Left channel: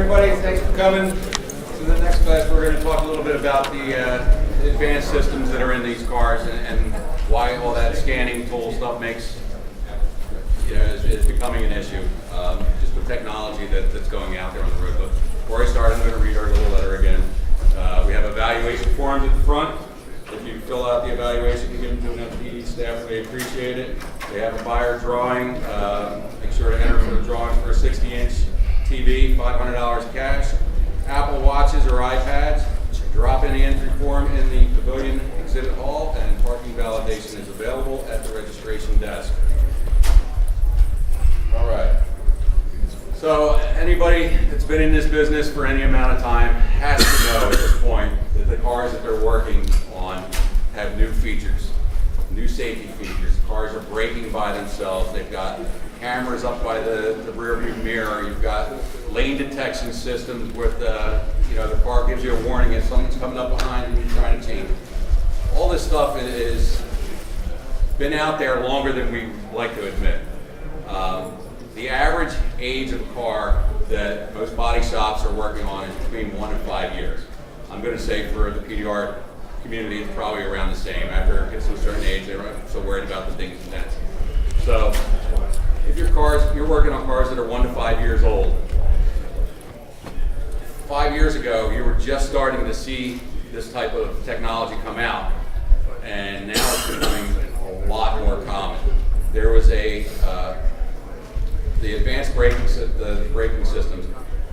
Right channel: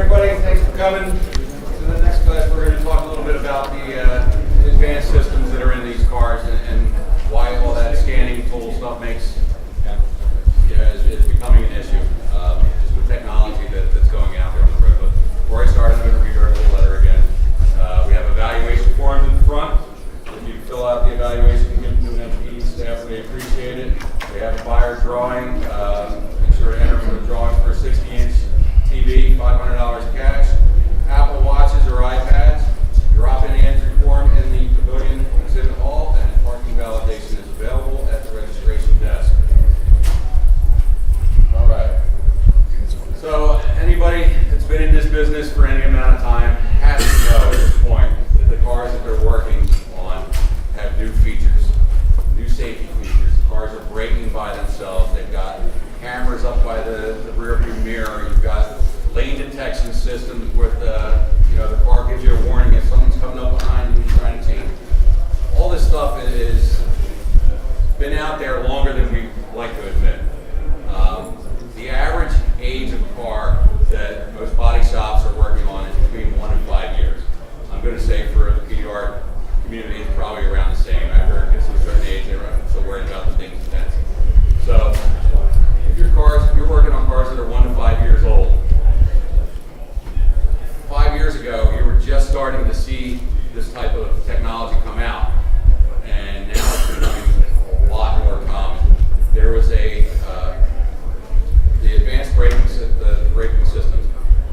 everybody. Thanks for coming. So the next class, we're going to talk a little bit about the advanced systems that are in these cars and why all that scanning tool stuff is becoming an issue. Just the technology that's going out there on the road. But before I start, I'm going to read our little letter again. We have evaluation forms at the front. If you fill out the evaluation, you give them to an NAPDRT staff, they appreciate it. They have a buyer drawing. Make sure to enter for the drawings for a 60-inch TV, $500 cash. Apple Watches or iPads. Drop in the entry form in the pavilion exhibit hall, and parking validation is available at the registration desk. All right. So anybody that's been in this business for any amount of time has to know at this point that the cars that they're working on have new features, new safety features. The cars are braking by themselves. They've got cameras up by the rear view mirror. You've got lane detection systems with the car gives you a warning if someone's coming up behind you and you're trying to change. All this stuff is been out there longer than we like to admit. The average age of a car that most body shops are working on is between 1 and 5 years. I'm going to say for the PDR community, it's probably around the same. After it gets to a certain age, they're not so worried about the things intense. So if you're working on cars that are 1 to 5 years old, 5 years ago, you were just starting to see this type of technology come out, and now it's becoming a lot more common. There was the advanced braking systems.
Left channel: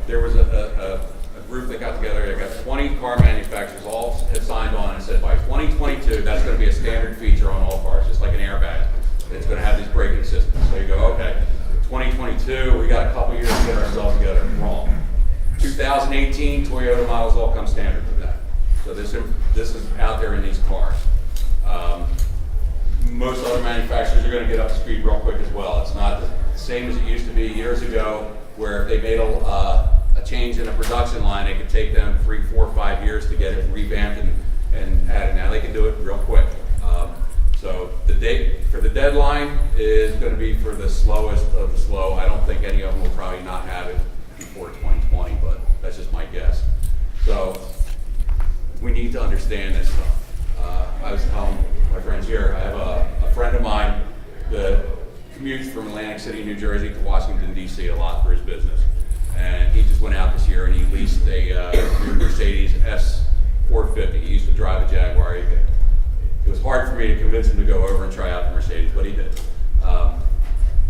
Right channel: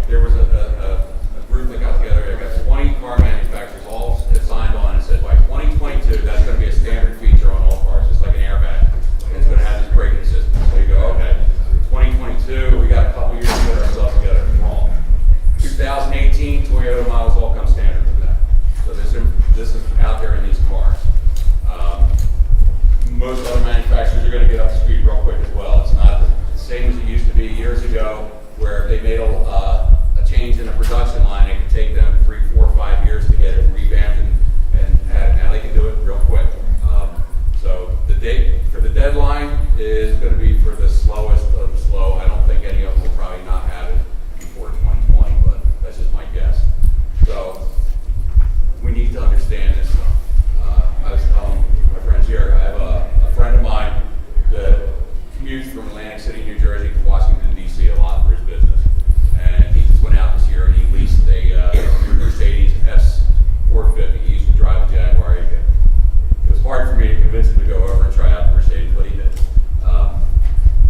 There was a group that got together. They got 20 car manufacturers all had signed on and said by 2022 that's going to be a standard feature on all cars, just like an airbag. It's going to have these braking systems. So you go, okay, 2022, we got a couple years to get ourselves together. Wrong. 2018, Toyota models all come standard with that. So this is out there in these cars. Most other manufacturers are going to get up to speed real quick as well. It's not the same as it used to be years ago, where if they made a change in a production line, it could take them 3, 4, 5 years to get it revamped and added. Now they can do it real quick. So the date for the deadline is going to be for the slowest of the slow. I don't think any of them will probably not have it before 2020, but that's just my guess. So we need to understand this stuff. I was telling my friends here, I have a friend of mine that commutes from Atlantic City, New Jersey to Washington, D.C. a lot for his business. And he just went out this year and he leased a Mercedes S450. He used to drive a Jaguar. It was hard for me to convince him to go over and try out the Mercedes, but he did.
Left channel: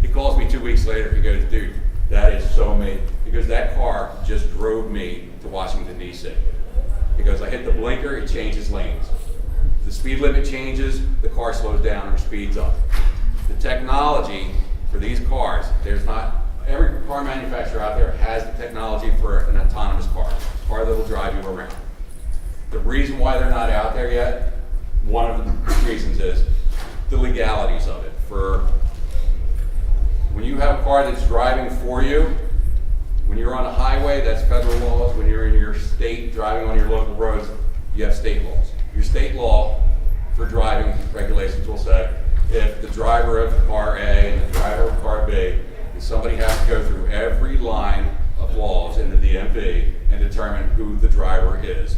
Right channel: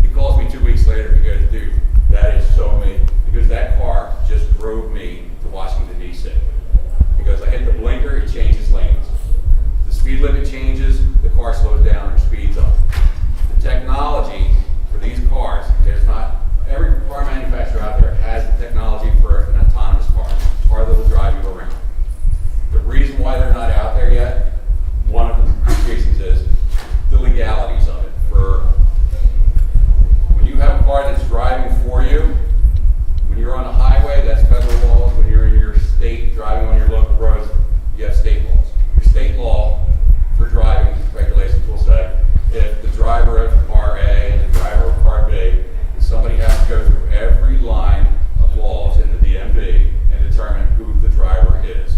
He calls me 2 weeks later. He goes, dude, that is so me. Because that car just drove me to Washington, D.C. Because I hit the blinker, it changes lanes. The speed limit changes, the car slows down or speeds up. The technology for these cars, every car manufacturer out there has the technology for an autonomous car that will drive you around. The reason why they're not out there yet, one of the reasons is the legalities of it. For when you have a car that's driving for you, when you're on a highway, that's federal laws. When you're in your state driving on your local roads, you have state laws. Your state law for driving regulations will say if the driver of car A and the driver of car B, somebody has to go through every line of laws in the DMV and determine who the driver is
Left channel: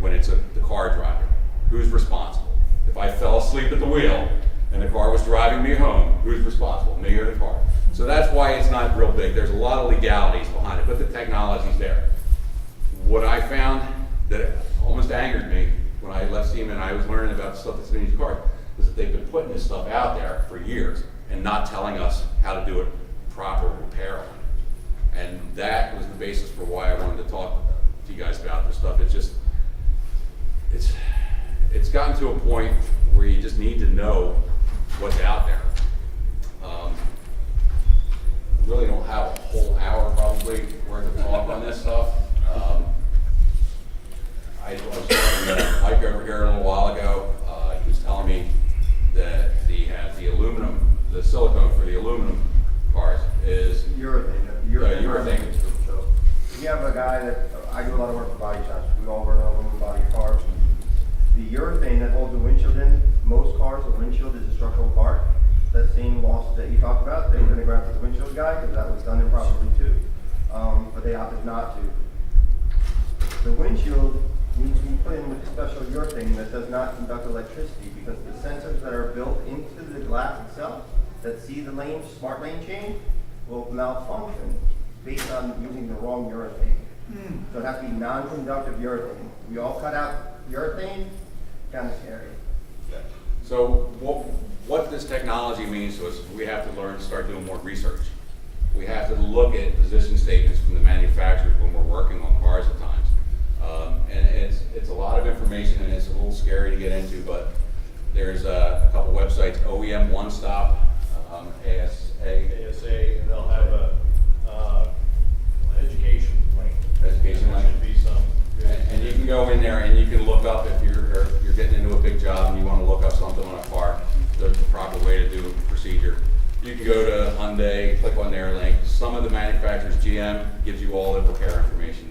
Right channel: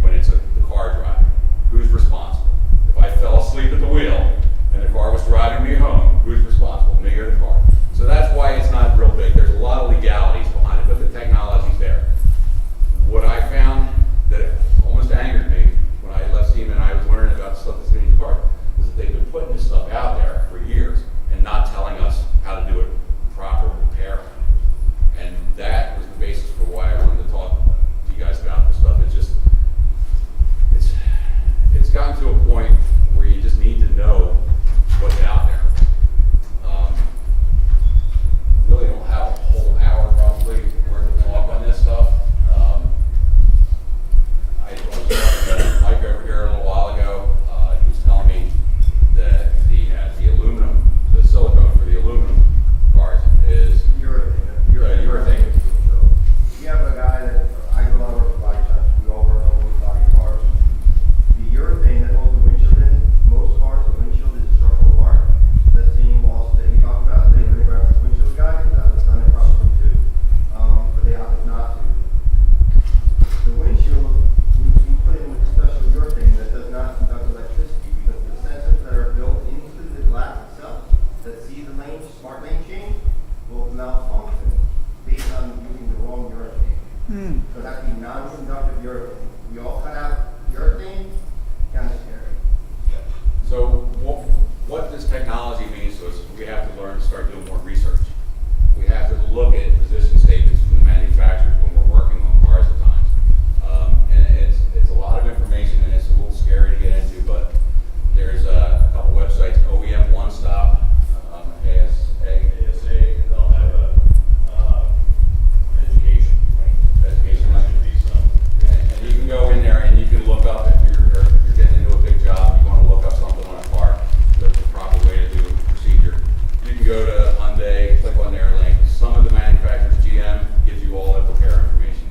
when it's the car driver. Who's responsible? If I fell asleep at the wheel and the car was driving me home, who's responsible? Me or the car? So that's why it's not real big. There's a lot of legalities behind it, but the technology's there. What I found that almost angered me when I left Siemens and I was learning about the stuff that's in these cars is that they've been putting this stuff out there for years and not telling us how to do it proper repair. And that was the basis for why I wanted to talk to you guys about this stuff. It's gotten to a point where you just need to know what's out there. Really don't have a whole hour probably worth of talk on this stuff. I was talking to Mike over here a little while ago. He was telling me that the aluminum, the silicone for the aluminum cars is urethane. Urethane. So you have a guy that I do a lot of work for body shops. We all work on aluminum body cars. The urethane that holds the windshield in most cars, the windshield is a structural part. That same losses that you talked about, they were going to grab the windshield guy because that was done improperly too. But they opted not to. So it has to be non-conductive urethane. We all cut out urethane, kind of scary. So what this technology means to us is we have to learn to start doing more research. We have to look at position statements from the manufacturers when we're working on cars at times. And it's a lot of information and it's a little scary to get into, but there's a couple websites, OEM One Stop, ASA, and they'll have a education link. Education link. There should be some. And you can go in there and you can look up if you're getting into a big job and you want to look up something on a car, the proper way to do the procedure. You can go to Hyundai, click on their link. Some of the manufacturers, GM, gives you all the repair information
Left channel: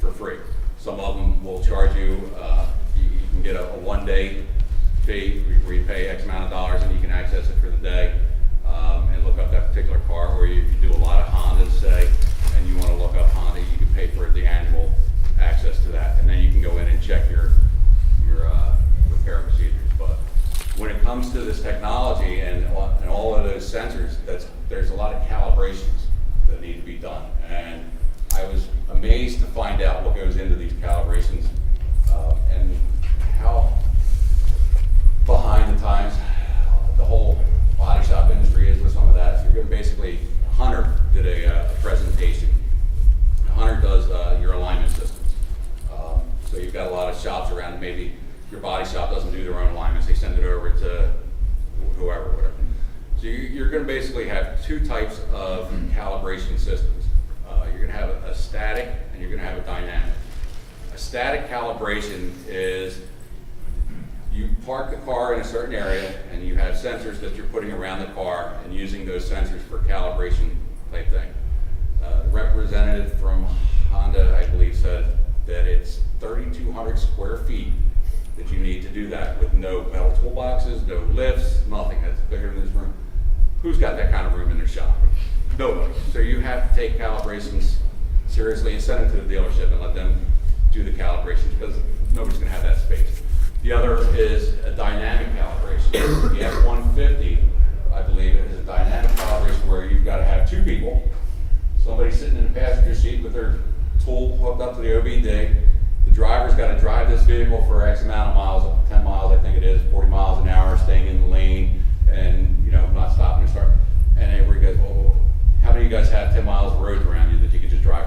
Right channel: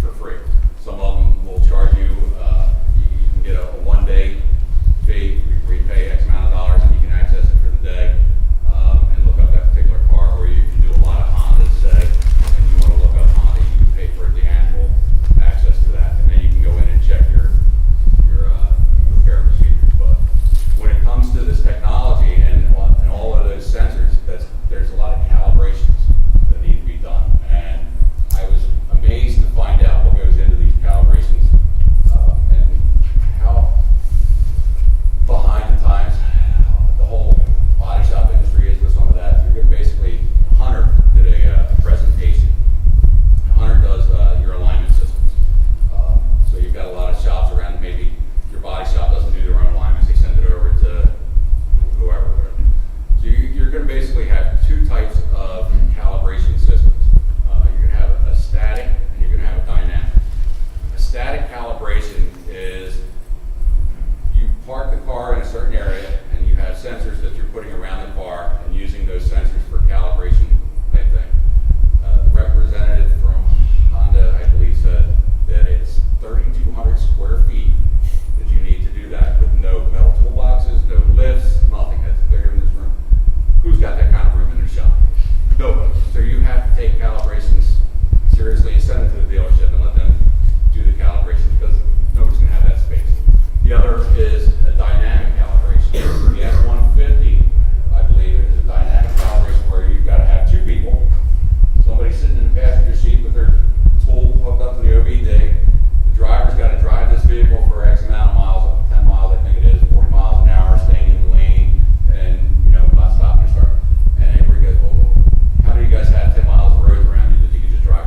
for free. Some of them will charge you, you can get a one-day fee where you pay X amount of dollars and you can access it for the day and look up that particular car, or you can do a lot of Hondas, say, and you want to look up Honda, you can pay for the annual access to that, and then you can go in and check your repair procedures. But when it comes to this technology and all of those sensors, there's a lot of calibrations that need to be done, and I was amazed to find out what goes into these calibrations and how behind the times the whole body shop industry is with some of that. You're going to basically, Hunter did a presentation. Hunter does your alignment systems. So you've got a lot of shops around, maybe your body shop doesn't do their own alignments, they send it over to whoever, whatever. So you're going to basically have two types of calibration systems. You're going to have a static and you're going to have a dynamic. A static calibration is you park the car in a certain area and you have sensors that you're putting around the car and using those sensors for calibration type thing. The representative from Honda, I believe, said that it's 3,200 square feet that you need to do that with no metal toolboxes, no lifts, nothing. That's bigger than this room. Who's got that kind of room in their shop? Nobody. So you have to take calibrations seriously and send it to the dealership and let them do the calibrations because nobody's going to have that space. The other is a dynamic calibration. The F-150, I believe, is a dynamic calibration where you've got to have two people, somebody sitting in the passenger seat with their tool hooked up to the OBD. The driver's got to drive this vehicle for X amount of miles, 10 miles I think it is, 40 miles an hour, staying in the lane, and not stopping to start. And everybody goes, well, how many of you guys have 10 miles of roads around you that you could just drive?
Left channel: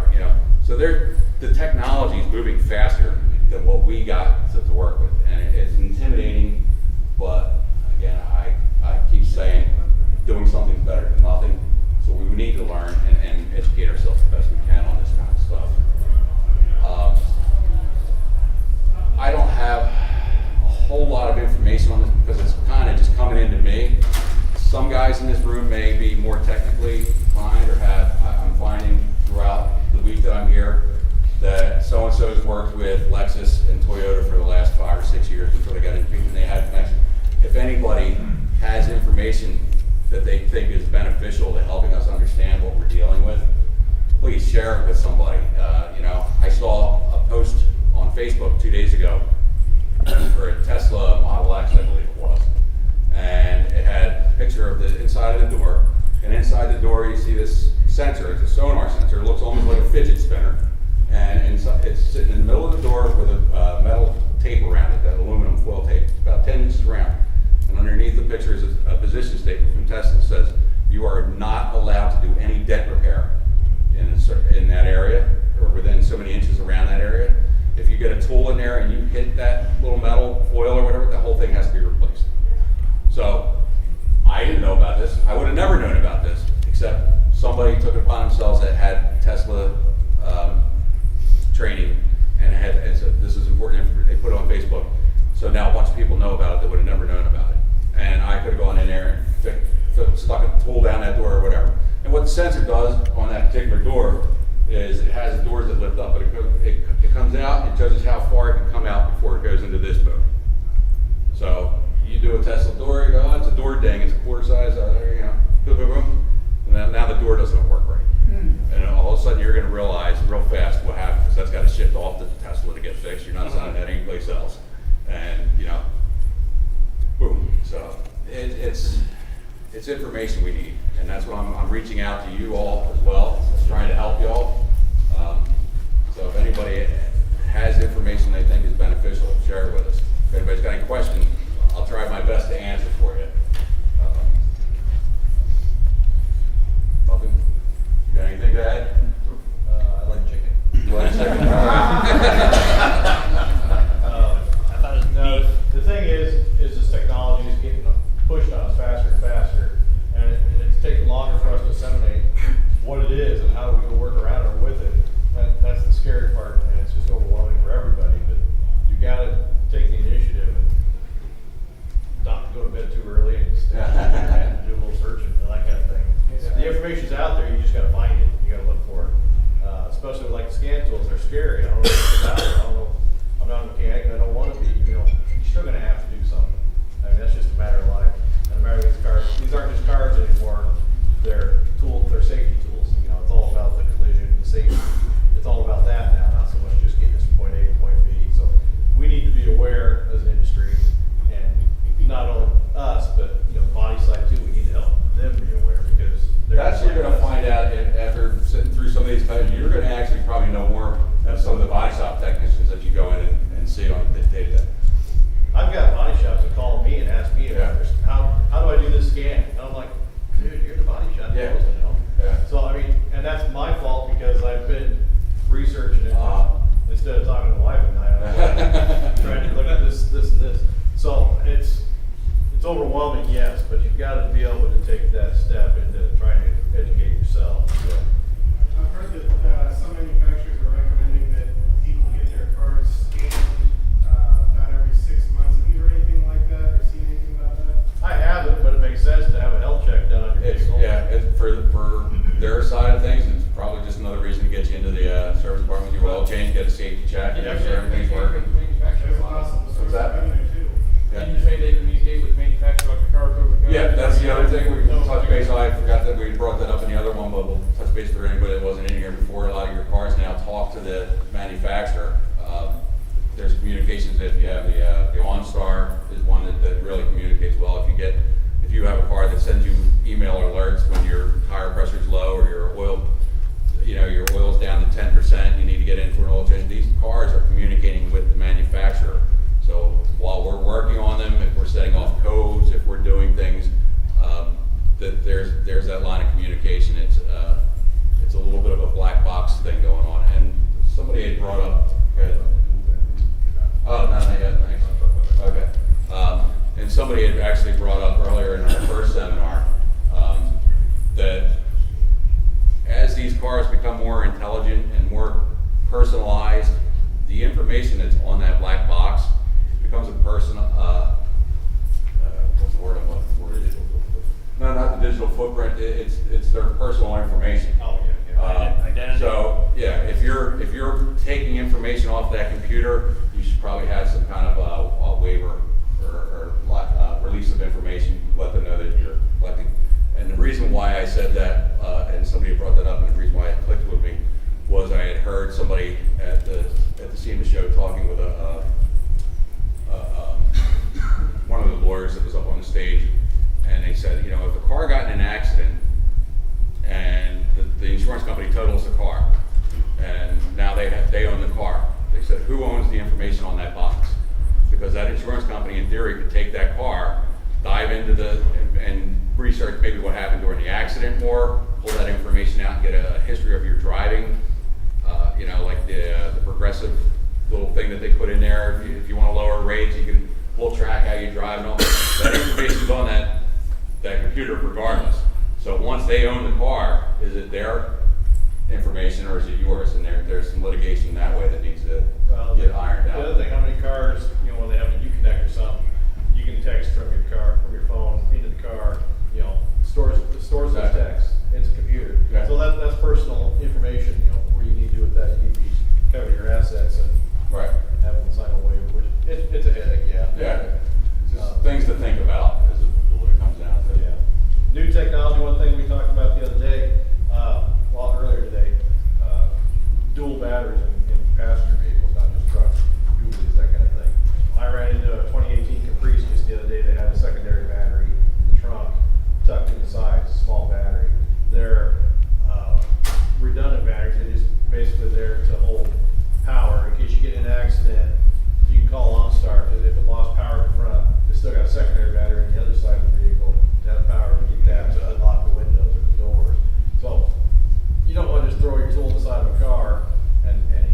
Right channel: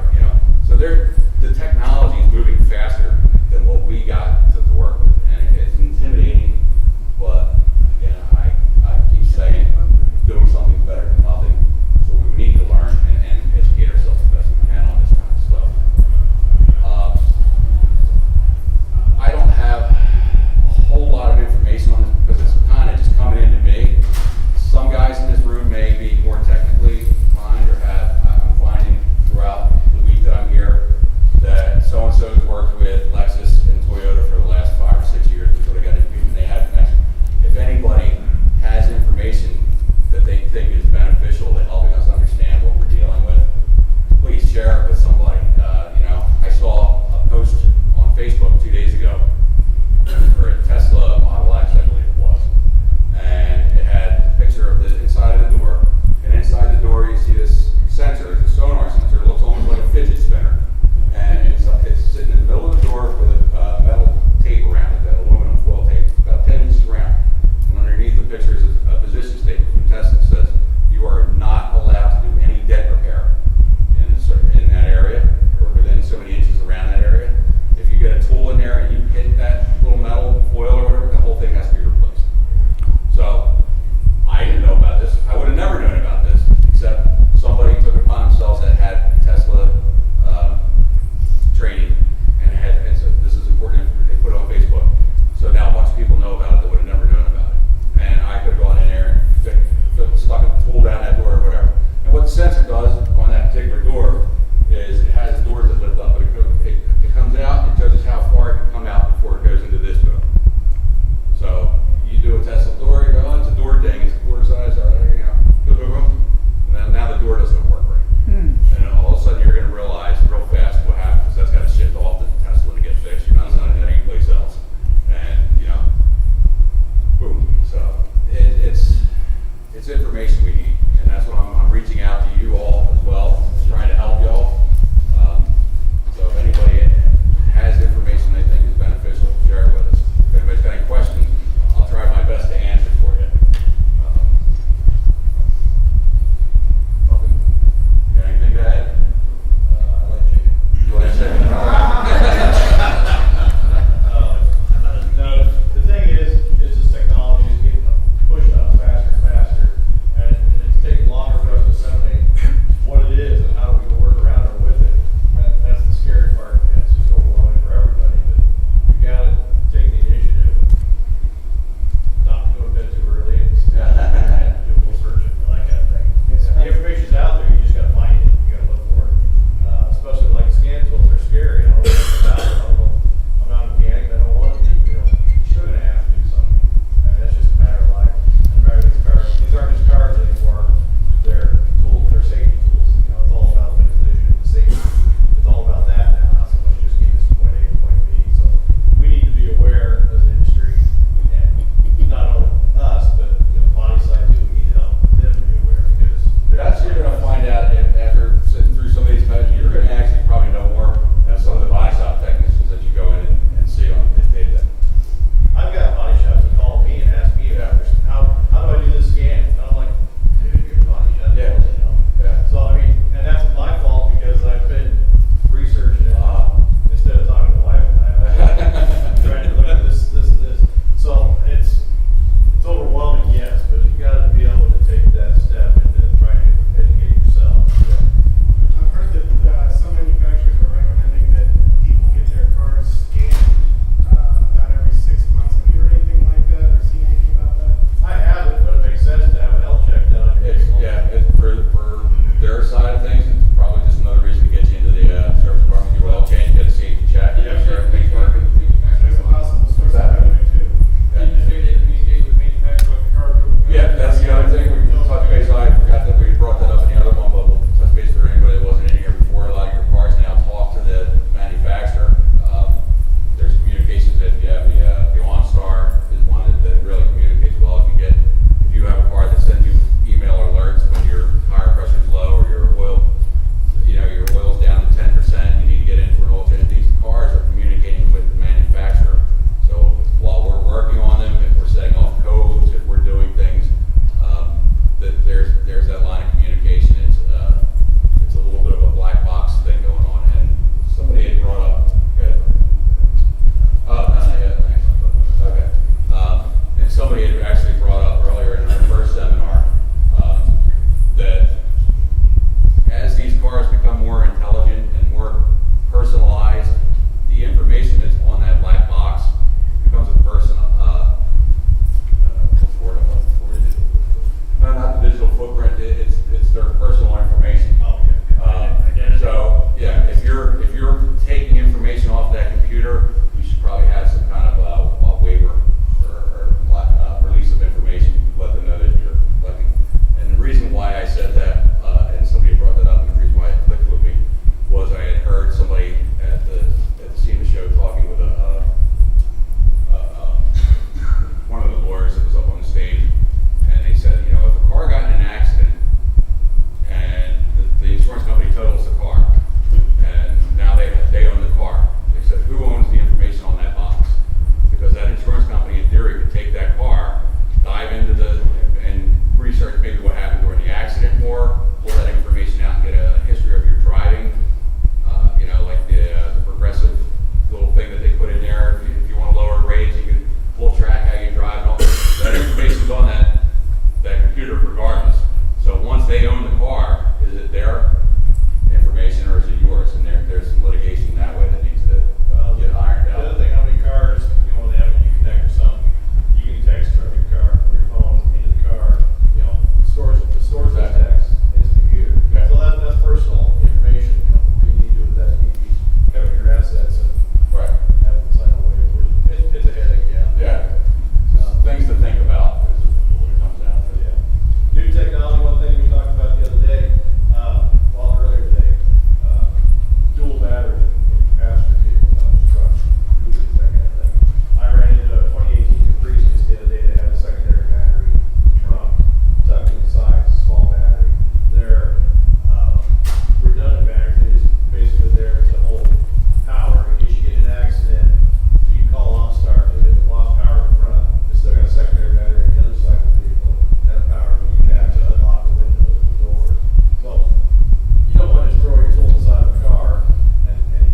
So the technology is moving faster than what we got to work with, and it's intimidating. But again, I keep saying, doing something better than nothing. So we need to learn and educate ourselves the best we can on this kind of stuff. I don't have a whole lot of information on this because it's kind of just coming into me. Some guys in this room may be more technically inclined or I'm finding throughout the week that I'm here that so-and-so's worked with Lexus and Toyota for the last 5 or 6 years before they got into and they had a connection. If anybody has information that they think is beneficial to helping us understand what we're dealing with, please share it with somebody. I saw a post on Facebook 2 days ago for a Tesla Model X, I believe it was. And it had a picture of the inside of the door. And inside the door you see this sensor, it's a sonar sensor. It looks almost like a fidget spinner. And it's sitting in the middle of the door with a metal tape around it, that aluminum foil tape, about 10 inches around. And underneath the picture is a position statement from Tesla that says, you are not allowed to do any dent repair in that area, or within so many inches around that area. If you get a tool in there and you hit that little metal foil or whatever, the whole thing has to be replaced. So I didn't know about this. I would have never known about this, except somebody took it upon themselves that had scary. I don't know what's about it. I don't know. I'm not a mechanic. I don't want to be. You know, you're still going to have to do something. I mean, that's just a matter of life. And a matter of these cars. These aren't just cars anymore. They're tools. They're safety tools. You know, it's all about the collision, the safety. It's all about that now, not so much just getting us from point A to point B. So we need to be aware as an industry, and not only us, but you know, the body side too. We need to help them be aware because That's what you're gonna find out after sitting through some of these types. You're gonna actually probably know more than some of the body shop technicians that you go in and see on the day-to-day. I've got body shops that call me and ask me about this. How do I do this scan? And I'm like, dude, you're the body shop. Yeah. You know? Yeah. So I mean, and that's my fault because I've been researching it instead of talking to the wife and I'm trying to look at this, and this. So it's overwhelming, yes, but you've got to be able to take that step into trying to educate yourself. I've heard that some manufacturers are recommending that people get their cars scanned about every 6 months. Have you heard anything like that or seen anything about that? I haven't, but it makes sense to have a health check done on your vehicle. It's for their side of things, it's probably just another reason to get you into the service department, your oil change, get a safety check, and make sure everything's working. There's a possible source of that? revenue too. Yeah. Did you say they communicate with manufacturers like the car over? Yeah, that's the other thing, we can touch base on. I forgot that we brought that up in the other one, but we'll touch base for anybody that wasn't in here before. A lot of your cars now talk to the manufacturer. There's communications that you have, the OnStar is one that really communicates well. If you have a car that sends you email alerts when your tire pressure is low or your oil's down to 10%, you need to get in for an oil change. These cars are communicating with the manufacturer. So while we're working on them, if we're setting off codes, if we're doing things, that there's that line of communication. It's a little bit of a black box thing going on. And somebody had brought up. Oh, no, not yet. Thanks. Okay. And somebody had actually brought up earlier in our first seminar that as these cars become more intelligent and more personalized, the information that's on that black box becomes a personal, what's the word I'm looking for? No, not the digital footprint, it's their personal information. Oh, yeah. Identity. So, yeah, if you're taking information off that computer, you should probably have some kind of a waiver or release of information, let them know that you're collecting. And the reason why I said that, and somebody brought that up, and the reason why it clicked with me, was I had heard somebody at the SEMA show talking with one of the lawyers that was up on the stage, and they said, if the car got in an accident and the insurance company totals the car, and now they own the car, they said, who owns the information on that box? Because that insurance company, in theory, could take that car, dive into and research maybe what happened during the accident more, pull that information out and get a history of your driving, like the progressive little thing that they put in there. If you want to lower rates, you can pull track how you drive and all that information's on that computer regardless. So once they own the car, is it their information or is it yours? And there's some litigation that way that needs to get ironed The out. other thing, how many cars, when they have a Uconnect or something, you can text from your car, from your phone into the car, stores those Exactly. texts. It's a computer. Okay. So that's personal information, what do you need to do with that? You need to cover your assets and Right. have them sign a waiver, which it's a headache, yeah. Yeah. Just things to think about is what it comes down to. Yeah. New technology, one thing we talked about the other day, earlier today, dual batteries in passenger vehicles, not just trucks, Cougars, that kind of thing. I ran into a 2018 Caprice just the other day that had a secondary battery in the trunk, tucked in the side, it's a small battery. They're redundant batteries, they're just basically there to hold power in case you get in an accident. You can call OnStar, because if it lost power in the front, it's still got a secondary battery on the other side of the vehicle to have power to keep that to unlock the windows and the doors. So you don't want to just throw your tool inside of a car and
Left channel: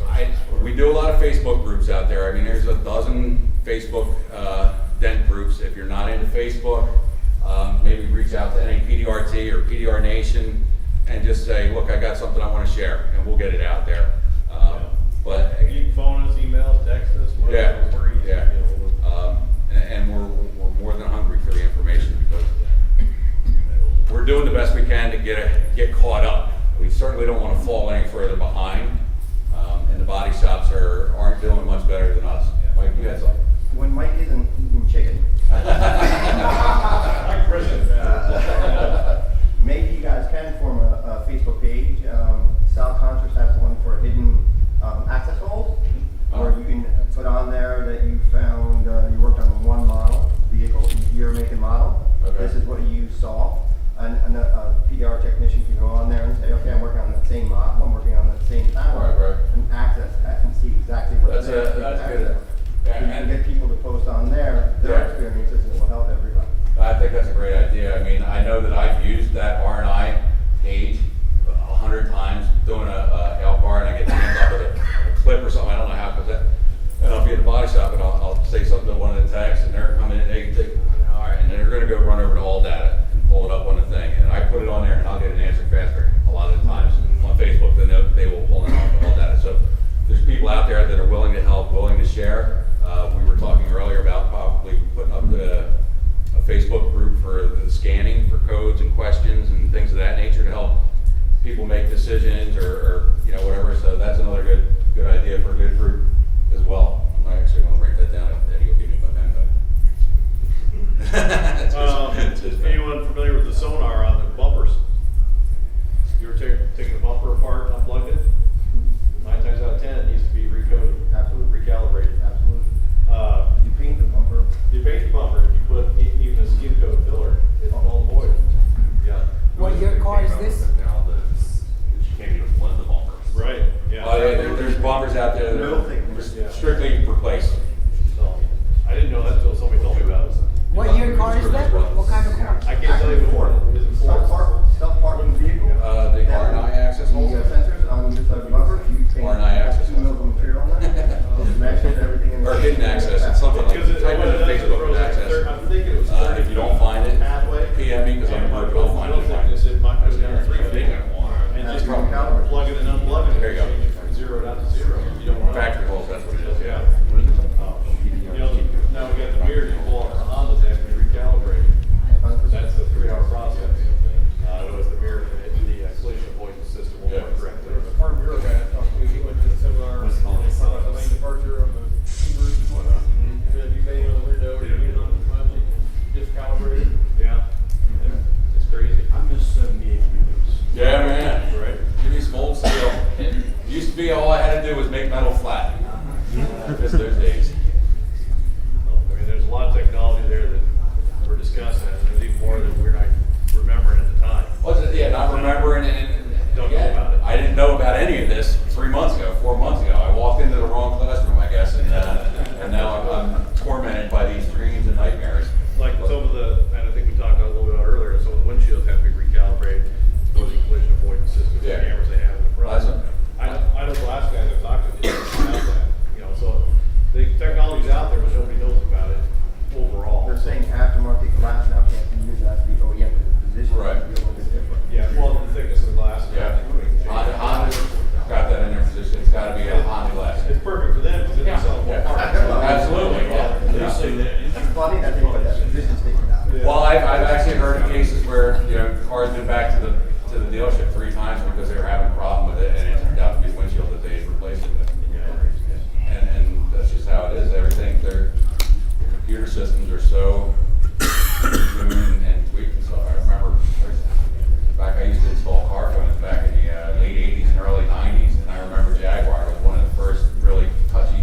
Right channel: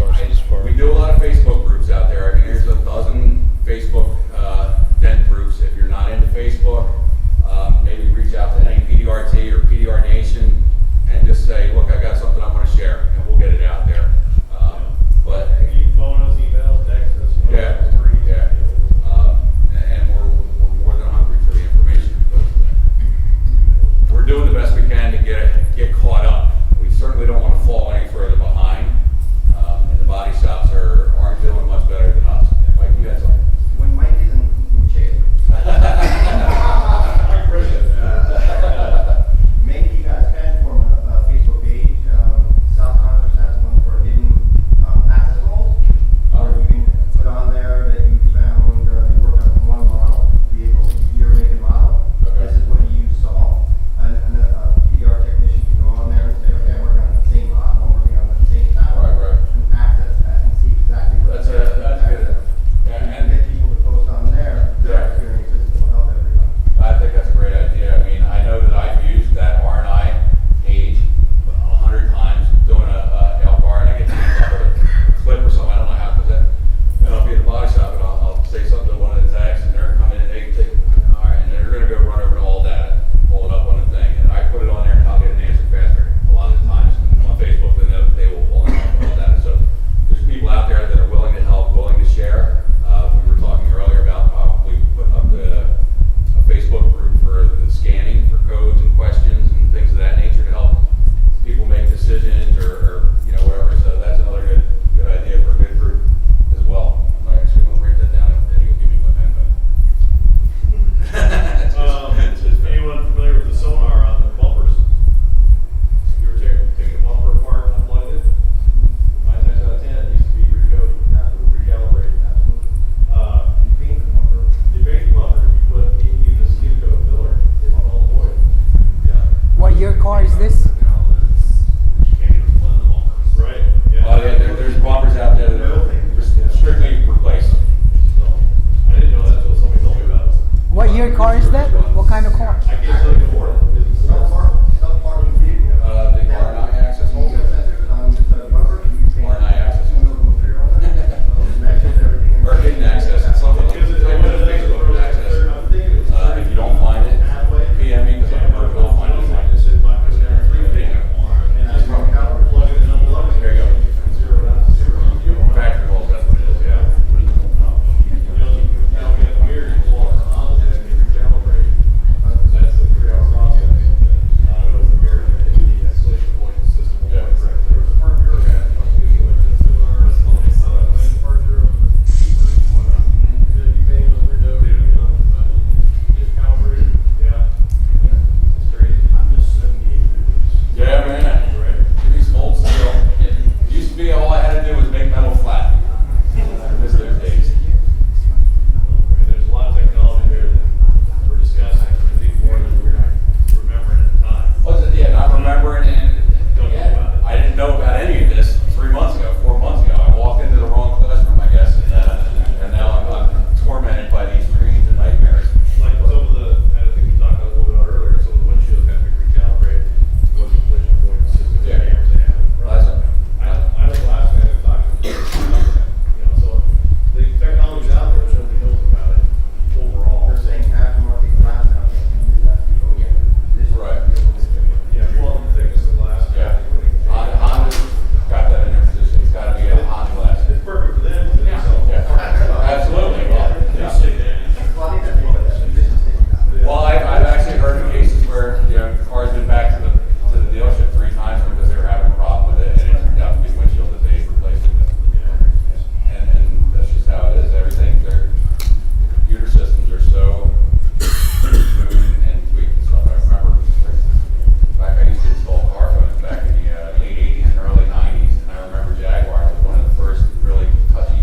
sources for? We do a lot of Facebook groups out there. I mean, there's a dozen Facebook dent groups. If you're not into Facebook, maybe reach out to any PDRT or PDR Nation and just say, look, I got something I want to share, and we'll get it out there. But You can phone us, email us, text us. yeah, whatever, we're easy to yeah. deal with. And we're more than hungry for the information because we're doing the best we can to get caught up. We certainly don't want to fall any further behind, and the body shops aren't doing much better than us. Yeah, Mike, you had something. When Mike isn't eating chicken, Hi, President. maybe you guys can form a Facebook page. South Contrast has one for hidden access holes, where you can put on there that you found, you worked on one model vehicle, year, make, and model. Okay. This is what you saw. And a PDR technician can go on there and say, okay, I'm working on the same model, I'm working on the same panel. Right. And access that and see exactly what That's it is. that's good. Yeah, So you and can get people to post on there, their Yeah. experiences, and it will help everybody. I think that's a great idea. I mean, I know that I've used that R&I page 100 times doing a L bar, and I get jammed up with a clip or something. I don't know how, because and I'll be at the body shop and I'll say something to one of the techs, and they're coming in, they can take, all right, and they're going to go run over to all data and pull it up on the thing, and I put it on there, and I'll get an answer faster a lot of the times on Facebook than they will pull it up all data. So there's people out there that are willing to help, willing to share. We were talking earlier about probably putting up a Facebook group for the scanning for codes and questions and things of that nature to help people make decisions or whatever. So that's another good idea for a good group as well. I actually want to write that down. Eddie will give me my pen back. It's his pen. Anyone familiar with the sonar on the bumpers? You were taking the bumper apart, unplugged it? 9 times out of 10, it needs to be recoded. Absolutely. Recalibrated. Absolutely. You paint the bumper. You paint the bumper, if you put even a skin coat filler, it's null and void. Yeah. What year car is this? Now that you can't even blend the bumpers. Right, yeah. Oh yeah, there's bumpers out there that are just strictly replaced. So, I didn't know that until somebody told me about it. What year car is that? What kind of car? I can't tell you before. Is it Self-parking vehicle. The R&I access holes. The sensors on the side of the bumper, you paint R&I access 2 mils of material on there. It matches everything in Or there. hidden access, it's something like, Because type in it the Facebook access. I'm thinking it was If you don't find it, halfway. PM me, because I'm a worker, I'll find it. This is my, goes down 3 feet. And That's just probably- plug it and unplug it. There you go. Zero down to zero. You don't want Factory holes, that's what it is. Yeah. Now we got the mirror, you pull it on the deck and you recalibrate. That's a 3-hour process. It was the mirror, the collision avoidance system will work correctly. Part of your, we went to the seminar, the main departure of the Hebrews, you pay on the window, you know, just calibrated. Yeah. It's crazy. I miss 78 units. Yeah, man. Right. Give me some old steel. It used to be all I had to do was make metal flat. I miss those days. I mean, there's a lot of technology there that we're discussing, and there's even more that we're not remembering at the time. What's it? Yeah, not remembering and Don't know about it. I didn't know about any of this 3 months ago, 4 months ago. I walked into the wrong classroom, I guess, and now I'm tormented by these dreams and nightmares. Like some of the, and I think we talked a little bit about earlier, some of the windshields have to be recalibrated for the collision avoidance system, the Yeah. cameras they have in the front. Awesome. I know the last guy that talked to me about that, so the technology's out there, but nobody knows about it overall. They're saying aftermarket glass now can't be used as the OEM, because the position Right. would be a little bit different. Yeah, well, the thickness of the glass. Yeah. Honda's got that in their position. It's got to be a Honda glass. It's perfect for them, because they sell Yeah. parts. Absolutely. Yeah. It's funny that they put that position statement. Well, I've actually heard of cases where, the car's been back to the dealership 3 times because they were having a problem with it, and it turned out to be the windshield that they replaced it with. And that's just how it is. Everything, the computer systems are so smooth and tweaked and stuff. I remember, back I used to install car phones back in the late 80s and early 90s, and I remember Jaguar was one of the first really touchy,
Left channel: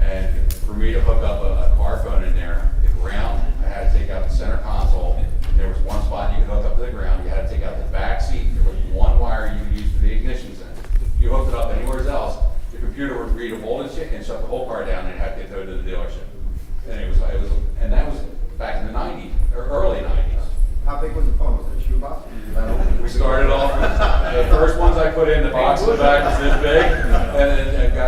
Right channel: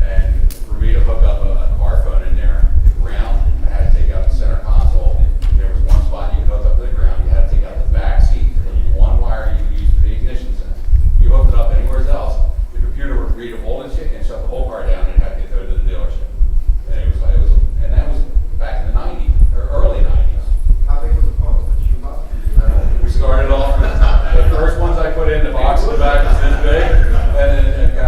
and for me to hook up a car phone in there, the ground, I had to take out the center console. There was one spot you could hook up to the ground, you had to take out the back seat. There was one wire you could use for the ignition sensor. If you hooked it up anywhere else, the computer would read a whole and shut the whole car down and have to get towed to the dealership. And that was back in the 90s, or early 90s. How big was the phone? Was it a shoebox? We started off, the first ones I put in, the box in the back was this big, and then it got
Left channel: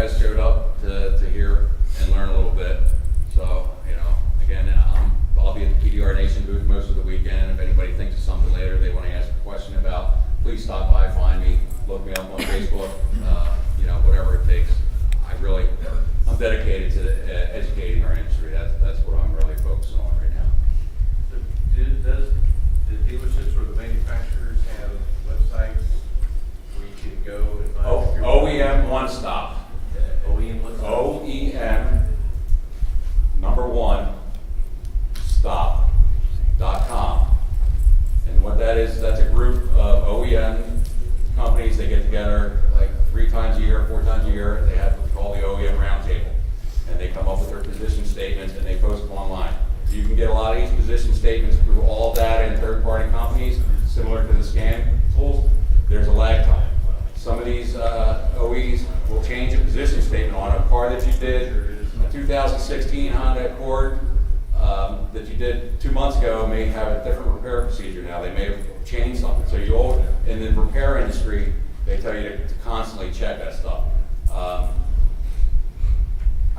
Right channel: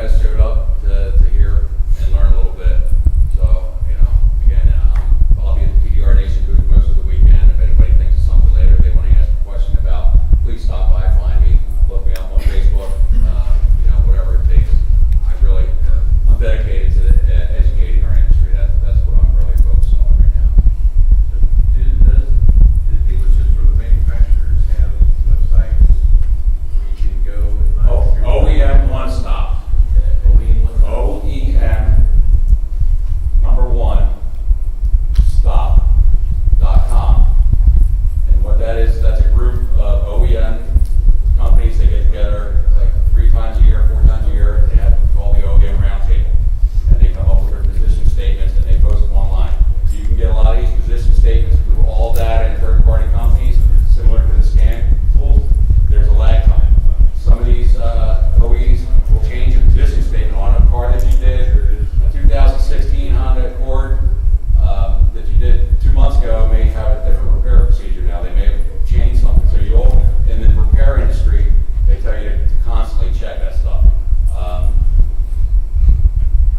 guys showed up to hear and learn a little bit. So, you know, again, I'll be at the PDR Nation booth most of the weekend. If anybody thinks of something later they want to ask a question about, please stop by, find me, look me up on Facebook, you know, whatever it takes. I'm dedicated to educating our industry. That's what I'm really focusing on right now. So the dealerships or the manufacturers have websites where you can go and find? Oh, your- OEM One Stop. OEM one stop? OEM number one stop.com. And what that is, that's a group of OEM companies. They get together like 3 times a year, 4 times a year. They have what's called the OEM Roundtable. And they come up with their position statements and they post them online. You can get a lot of these position statements through all data and third-party companies, similar to the scan tools. There's a lag time. Some of these OEs will change a position statement on a car that you did, a 2016 Honda Accord that you did 2 months ago may have a different repair procedure now. They may have changed something. So you'll, in the repair industry, they tell you to constantly check that stuff. I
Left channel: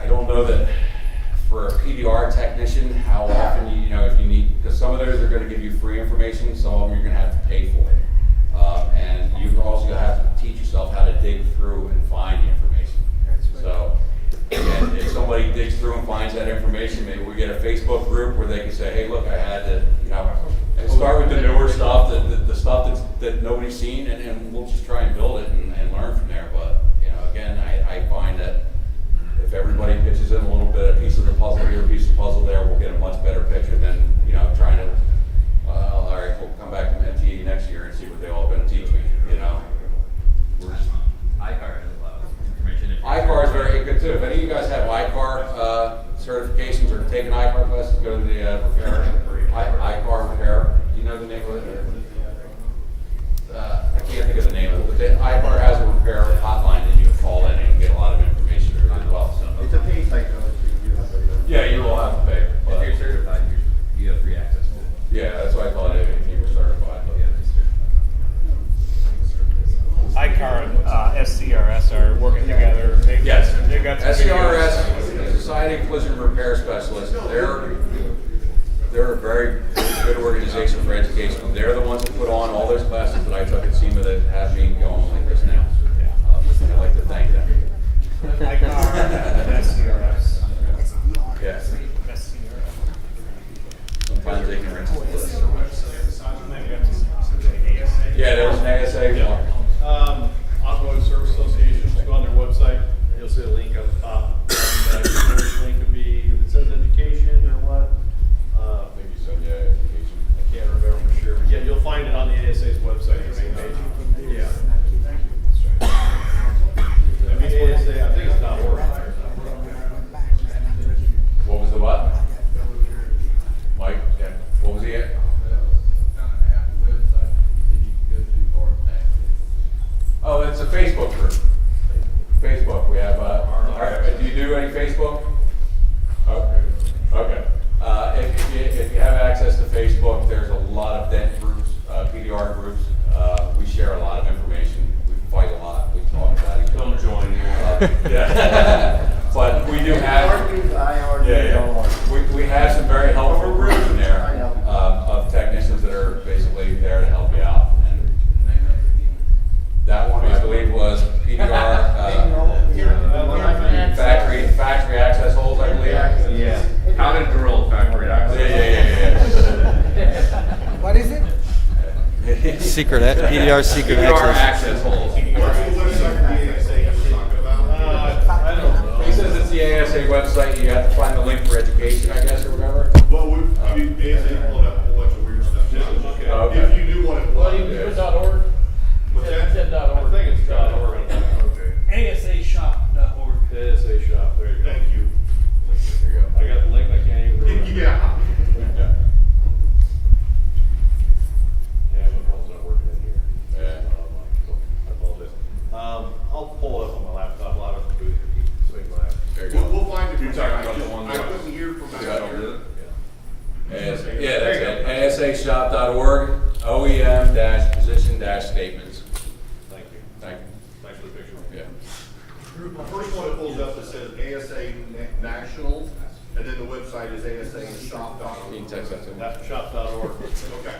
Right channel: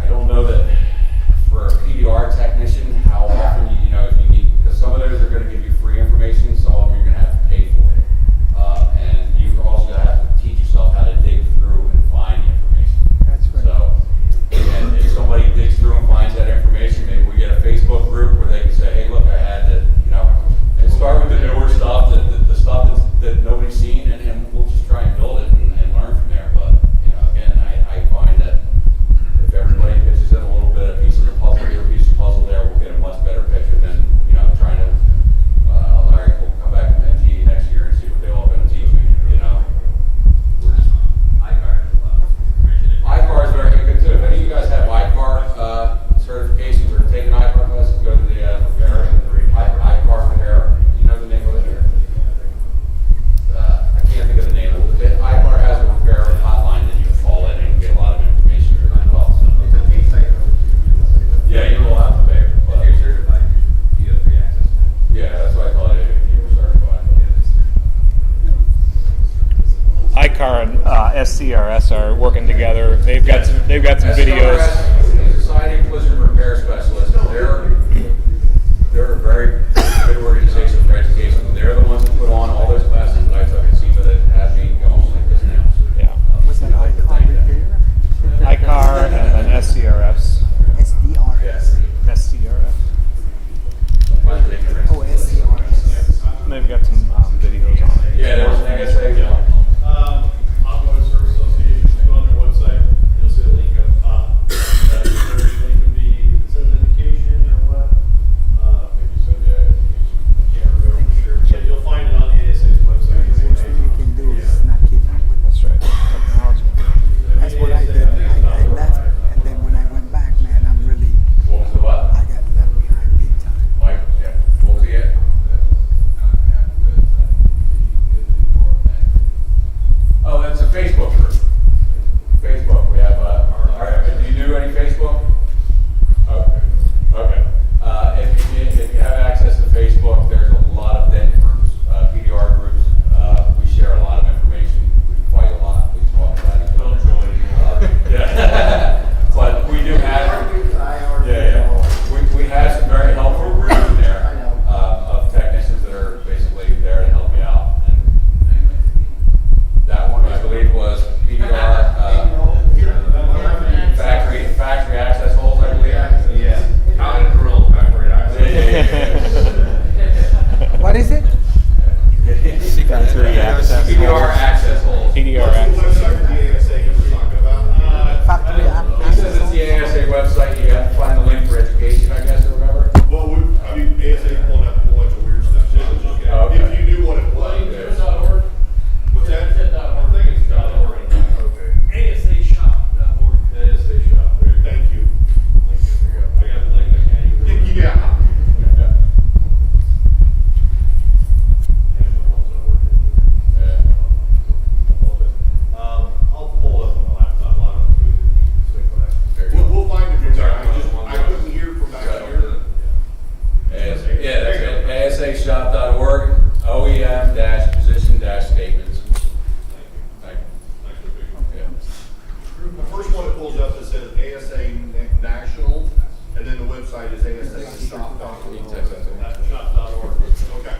don't know that for a PDR technician, how often you know if you need, because some of those are going to give you free information, some of them you're going to have to pay for it. And you're also going to have to teach yourself how to dig through and find the information. That's right. So, again, if somebody digs through and finds that information, maybe we get a Facebook group where they can say, hey, look, I had to, you know, and start with the newer stuff, the stuff that nobody's seen, and we'll just try and build it and learn from there. But, you know, again, I find that if everybody pitches in a little bit, a piece of the puzzle here, a piece of the puzzle there, we'll get a much better picture than, you know, trying to, all right, we'll come back from MTE next year and see what they all going to teach me, you know. iCar has a lot of information. iCar is very good too. If any of you guys have iCar certifications or taken iCar classes, go to the repair, iCar repair. Do you know the name of it? I can't think of the name of it, but iCar has a repair hotline that you can call in and get a lot of information as well. So. It's a piece like. Yeah, you will have to pay. If But you're certified, you have free access to it. yeah, that's why I thought it if you were certified. iCar and SCRS are working together. They've got some videos. SCRS, Society of Collision Repair Specialists, they're a very good organization for education. They're the ones that put on all those classes that I took at SEMA that have me going like this now. Yeah. I'd like to thank them. iCar and SCRS. SDR. Yes. SCRF. Sometimes they can rinse. Oh, SDR. They've got some videos on it. Yeah, there was an ASA one. Automotive Service Association, just go on their website, you'll see a link up top. And, the link could be, if it says education or what, maybe so, yeah, education, I can't remember for sure. Yeah, you'll find it on the ASA's website. What you can do is not keep up with That's right. technology. That's what I did. I think it's not I left, and then when I went back, man, I'm really, What was the what? I got left behind big time. Mike? Yeah. What was he at? Oh, it's a Facebook group. Facebook, we have, do you do any Facebook? Okay. Okay. If you have access to Facebook, there's a lot of dent groups, PDR groups. We share a lot of information. We fight a lot. We talk about each other. Don't join you. Yeah. But we do have, we have some very helpful groups in there of technicians that are basically there to help you out. And that one, I believe, was PDR factory access holes, I believe. Yeah. How to drill factory access. What is it? Secret, PDR secret PDR access. access holes. PDR What's access. the website for the ASA you were talking about? Factory He says it's the ASA website, you have to find the link for education, I guess, or whatever. Well, I mean, ASA pulled up a whole bunch of weird stuff. Oh, okay. If you knew what it Well, was. you can do it .org. What's that? It's .org. I think it's .org. Okay. ASAshop.org. ASA shop, there you go. Thank you. There you go. I got the link, I can't even remember. Yeah. Yeah, my phone's not working in here. Yeah. I apologize. I'll pull it up on my laptop, I'll have it in the booth, and you can swing by. There you go. We'll find it. You're talking about the one I that- couldn't hear from back Yeah. here. pulls up that says ASA National, and then the website is asashop.org. You can text that to me. That's shop.org. Okay.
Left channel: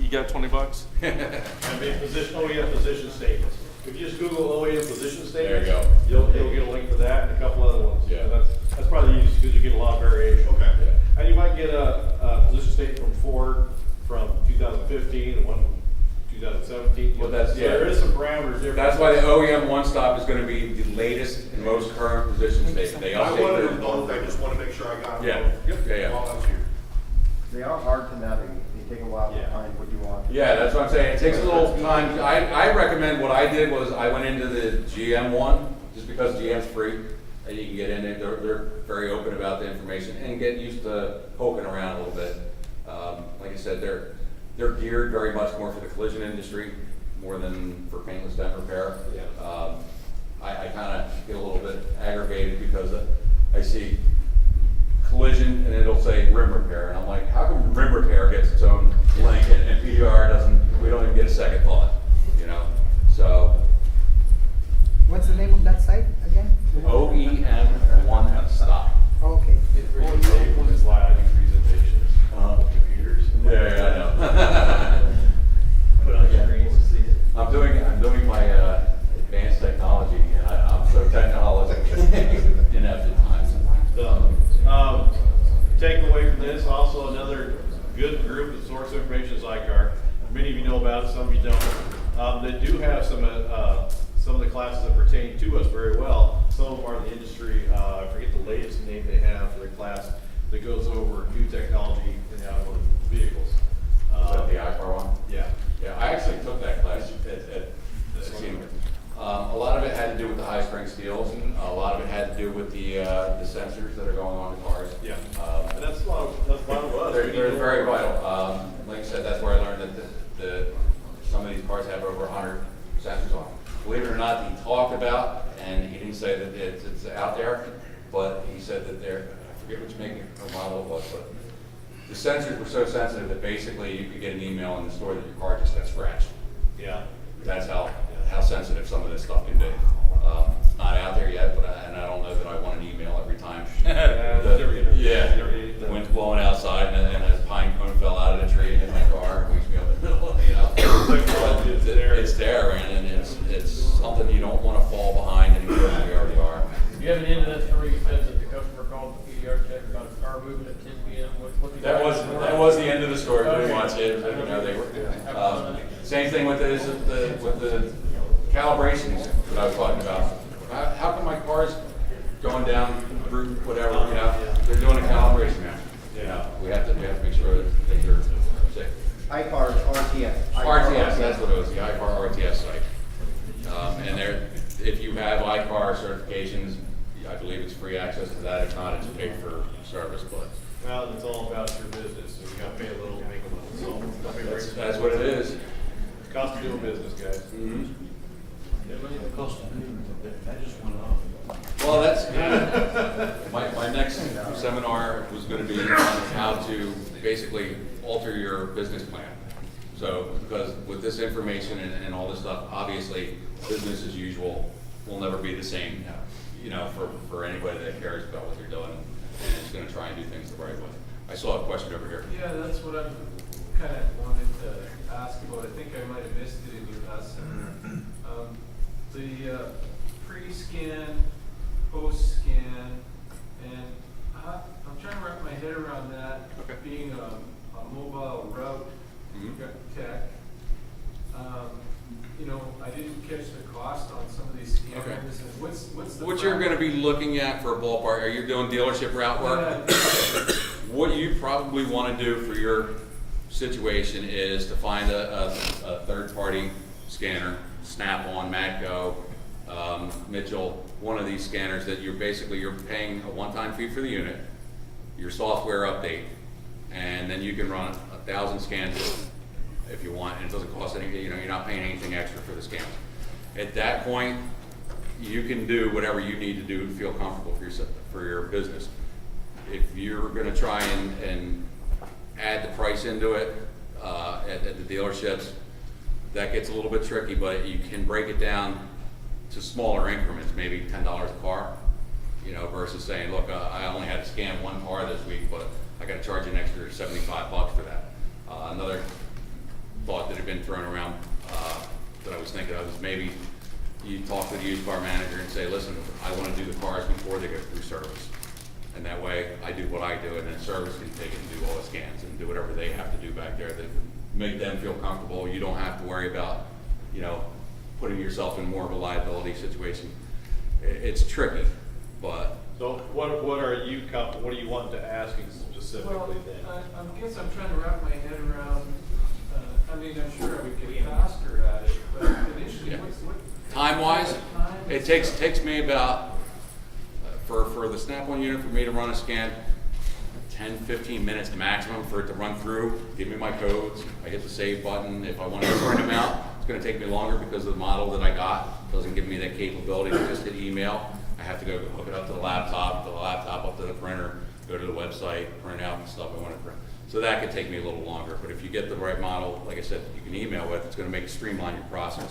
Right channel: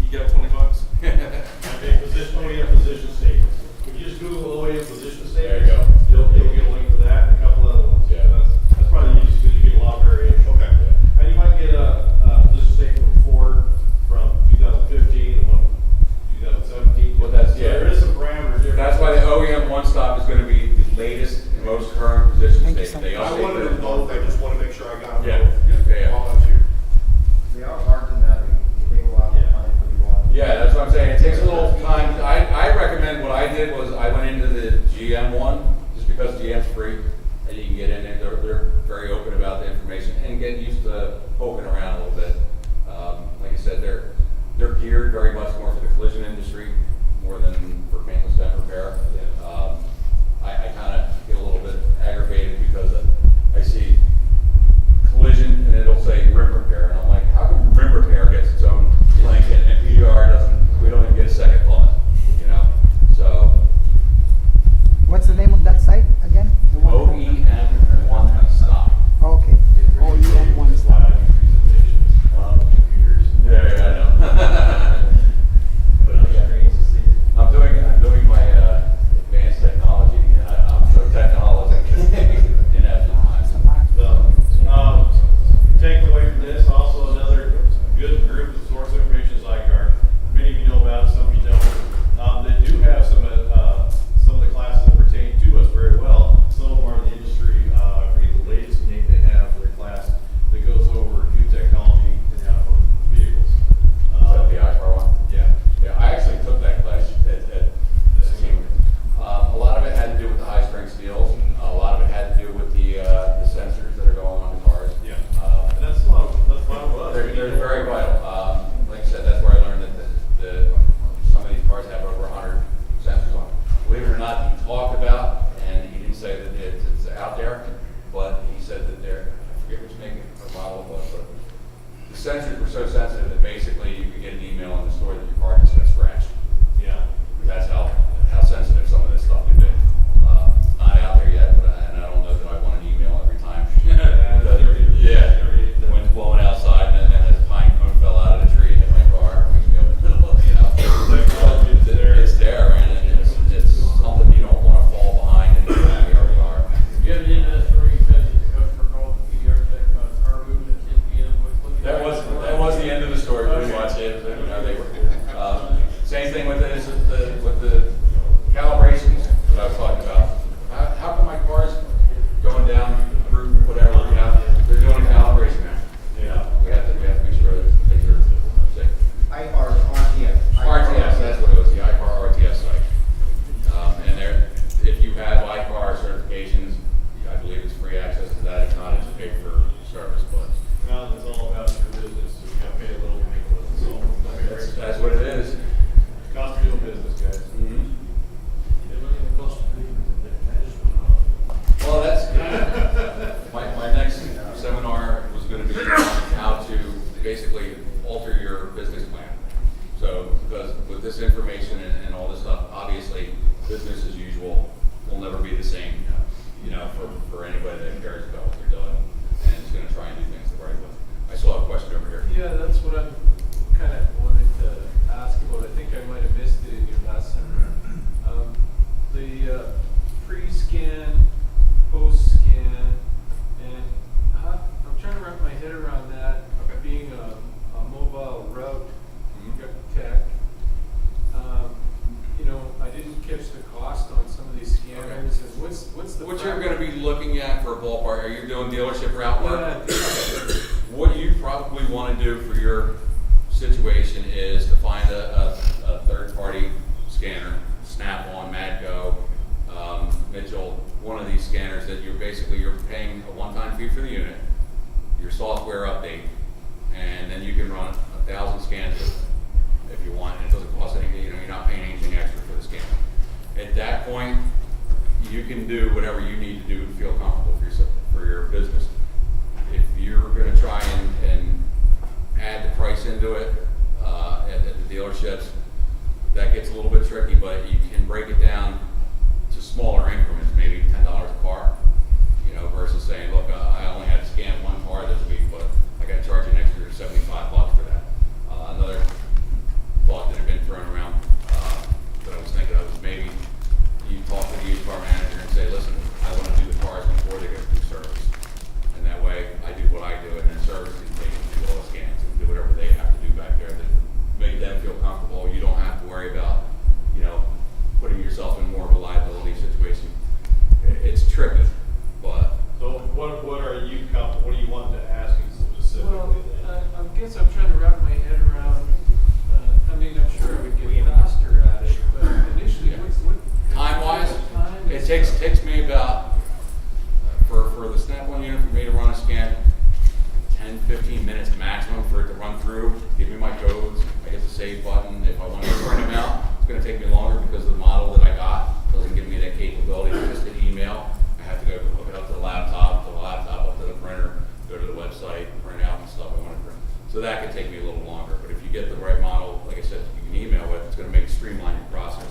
You got $20? And we have position statements. If you just Google OEM position statements. There you go. You'll get a link for that and a couple other ones. Yeah. That's probably the easiest because you get a lot of variation. Okay. And you might get a position statement from Ford from 2015 and one from 2017. Well, that's- So yeah. there is some parameters there. That's why the OEM one stop is gonna be the latest and most current position Thank you statement. so They I update wanted their- them both, I just want to make sure I got them Yeah. both. Yeah, yeah. While I was here. They are hard to navigate. They take a while to Yeah. find what you want. Yeah, that's what I'm saying. It takes a little time. I recommend, what I did was I went into the GM one, just because GM's free. And you can get in it. They're very open about the information and get used to poking around a little bit. Like I said, they're geared very much more for the collision industry, more than for paintless dent repair. I kind of get a little bit aggravated because I see collision and it'll say rim repair, and I'm like, how come rim repair gets its own link and PDR doesn't? We don't even get a second thought, you know? So What's the name of that site again? The one- OEM one stop. Oh, okay. OEM one. Slide presentations, computers. Yeah, I know. Put on screens to see it. I'm doing my advanced technology, and I'm so technological inept at times. So, take away from this, also another good group that source information is ICAR. Many of you know about it, some of you don't. They do have some of the classes that pertain to us very well. Some of them are in the industry, I forget the latest name they have for the class that goes over new technology in the automotive vehicles. Is that the ICAR one? Yeah. Yeah, I actually took that class at Seymour. A lot of it had to do with the high strength steels. A lot of it had to do with the sensors that are going on the cars. Yeah. And that's a lot of us. They're very vital. Like I said, that's where I learned that some of these cars have over 100 sensors on them. Believe it or not, he talked about, and he didn't say that it's out there, but he said that I forget which make or model it was, but the sensors were so sensitive that basically you could get an email in the store that your car just got scratched. Yeah. That's how sensitive some of this stuff can be. Not out there yet, and I don't know that I want an email every time. The wind's blowing outside and a pine cone fell out of the tree and hit my car. It wakes me up in the middle, you know. It's there, and it's something you don't want to fall behind and we already are. You have an end to that story, you said that the customer called the PDR check on a car movement at 10 p.m. That was the end of the story, pretty much. You know, they were, same thing with the calibrations that I was talking about. How come my car's going down through whatever, you know, they're doing a calibration now. You know, we have to make sure that things are safe. ICAR RTS. RTS, that's what it was, the ICAR RTS site. And if you have ICAR certifications, I believe it's free access to that. If not, it's paid for service, but Well, it's all about your business, so you gotta pay a little, make a little, so. don't be afraid. that's what it is. Cost of doing business, guys. Mhm. The cost of doing it, that just went up. Well, that's, my next seminar was gonna be on how to basically alter your business plan. So, because with this information and all this stuff, obviously, business as usual will never be the same, you know, for anybody that cares about what they're doing and is gonna try and do things the right way. I saw a question over here. Yeah, that's what I'm kind of wanted to ask about. I think I might have missed it in your last seminar. The pre-scan, post-scan, and I'm trying to wrap my head around that, being a mobile route tech. You know, I didn't catch the cost on some of these scanners, and what's the What you're gonna be looking at for a ballpark, are you doing dealership route work? Yeah. What you probably want to do for your situation is to find a third-party scanner, Snap-on, Matco, Mitchell, one of these scanners that you're paying a one-time fee for the unit, your software update, and then you can run 1,000 scans if you want, and it doesn't cost anything. You know, you're not paying anything extra for the scan. At that point, you can do whatever you need to do to feel comfortable for your business. If you're going to try and add the price into it at the dealerships, that gets a little bit tricky, but you can break it down to smaller increments, maybe $10 a car. service. And that way, I do what I do, and then service can take and do all the scans and do whatever they have to do back there that make them feel comfortable. You don't have to worry about, you know, putting yourself in more of a liability situation. It's tricky, but So what are you comfortable, what do you want to ask specifically Well, then? I guess I'm trying to wrap my head around, I mean, I'm sure I would get faster at it, but initially, Yeah. what? time-wise, Time it is- takes me about, for the Snap-on unit, for me to run a scan, 10, 15 minutes maximum for it to run through, give me my codes, I hit the save button. If I want to print them out, it's going to take me longer because the model that I got doesn't give me that capability to just hit email. I have to go hook it up to the laptop up to the printer, go to the website, print out and stuff I want to print. So that could take me a little longer, but if you get the right model, like I said, you can email it, it's going to make streamline your process.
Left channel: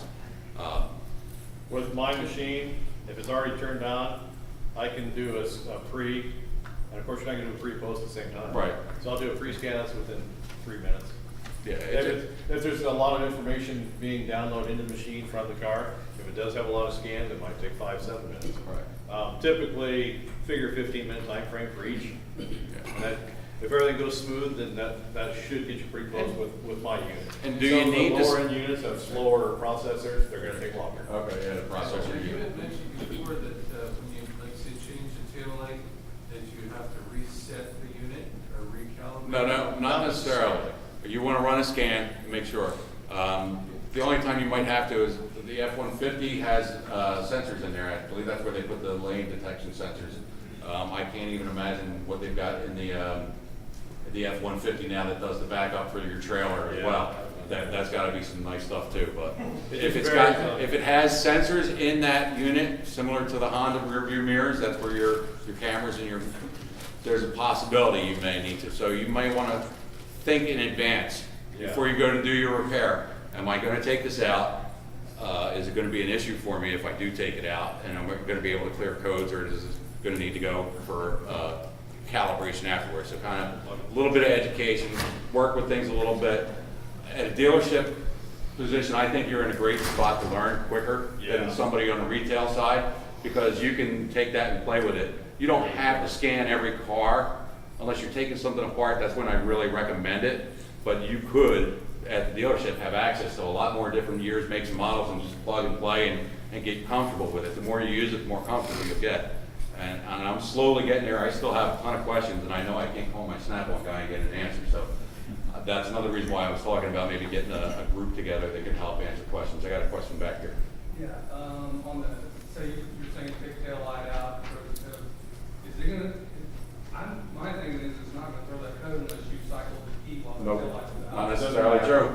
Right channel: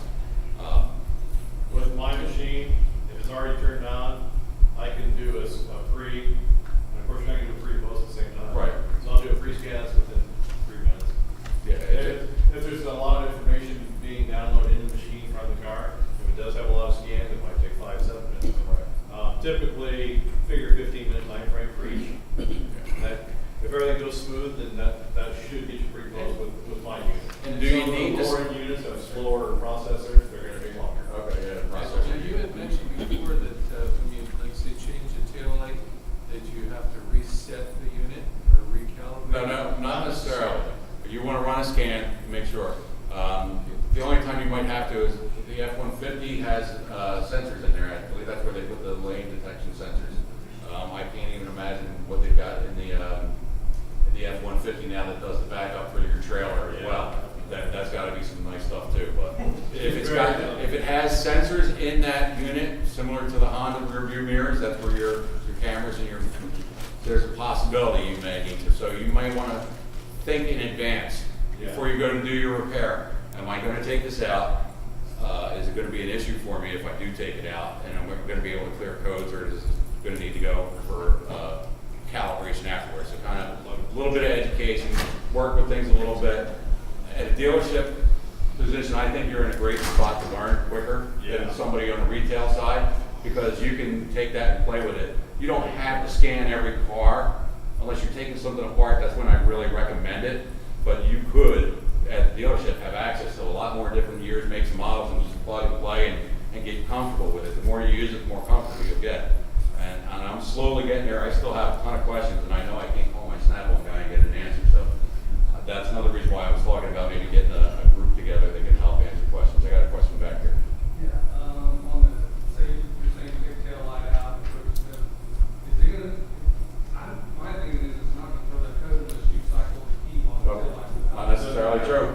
With my machine, if it's already turned on, I can do a pre, and of course you're not gonna do a pre-post at the same time. Right. So I'll do a pre-scan, that's within 3 minutes. Yeah, If there's a lot of information being downloaded in the machine from the car, if it does have a lot of scans, it might take 5-7 minutes. Right. Typically, figure 15-minute time frame for each. And that, if everything goes smooth, then that should get you pretty close with my unit. And do you need Some to of the lower end units have slower processors, they're gonna take longer. Okay, yeah, the Now, processor. you had mentioned before that, when you, like, say, change the tail light, that you have to reset the unit or recalibrate? No, not necessarily. If you want to run a scan, make sure. The only time you might have to is the F-150 has sensors in there. I believe that's where they put the lane detection sensors. I can't even imagine what they've got in the F-150 now that does the backup for your trailer as well. That's got to be some nice stuff too. But if it has sensors in that unit, similar to the Honda rear view mirrors, that's where your cameras and there's a possibility you may need to. So you might want to think in advance before you go to do your repair. Am I going to take this out? Is it going to be an issue for me if I do take it out? And I'm going to be able to clear codes, or is it going to need to go for calibration afterwards? So kind of a little bit of education, work with things a little bit. At a dealership position, I think you're in a great spot to learn quicker than somebody on the retail side, because you can take that and play with it. You don't have to scan every car unless you're taking something apart. That's when I really recommend it. But you could, at the dealership, have access to a lot more different years, makes and models, and just plug and play and get comfortable with it. The more you use it, the more comfortable you'll get. And I'm slowly getting there. I still have a ton of questions, and I know I can't call my Snap-on guy and get an answer. So that's another reason why I was talking about maybe getting a group together that can help answer questions. I got a question back here. Yeah, on the, say you're saying take tail light out, is it gonna, my thing is it's not gonna throw that code unless you cycle the key on the Nope, tail light. not necessarily true.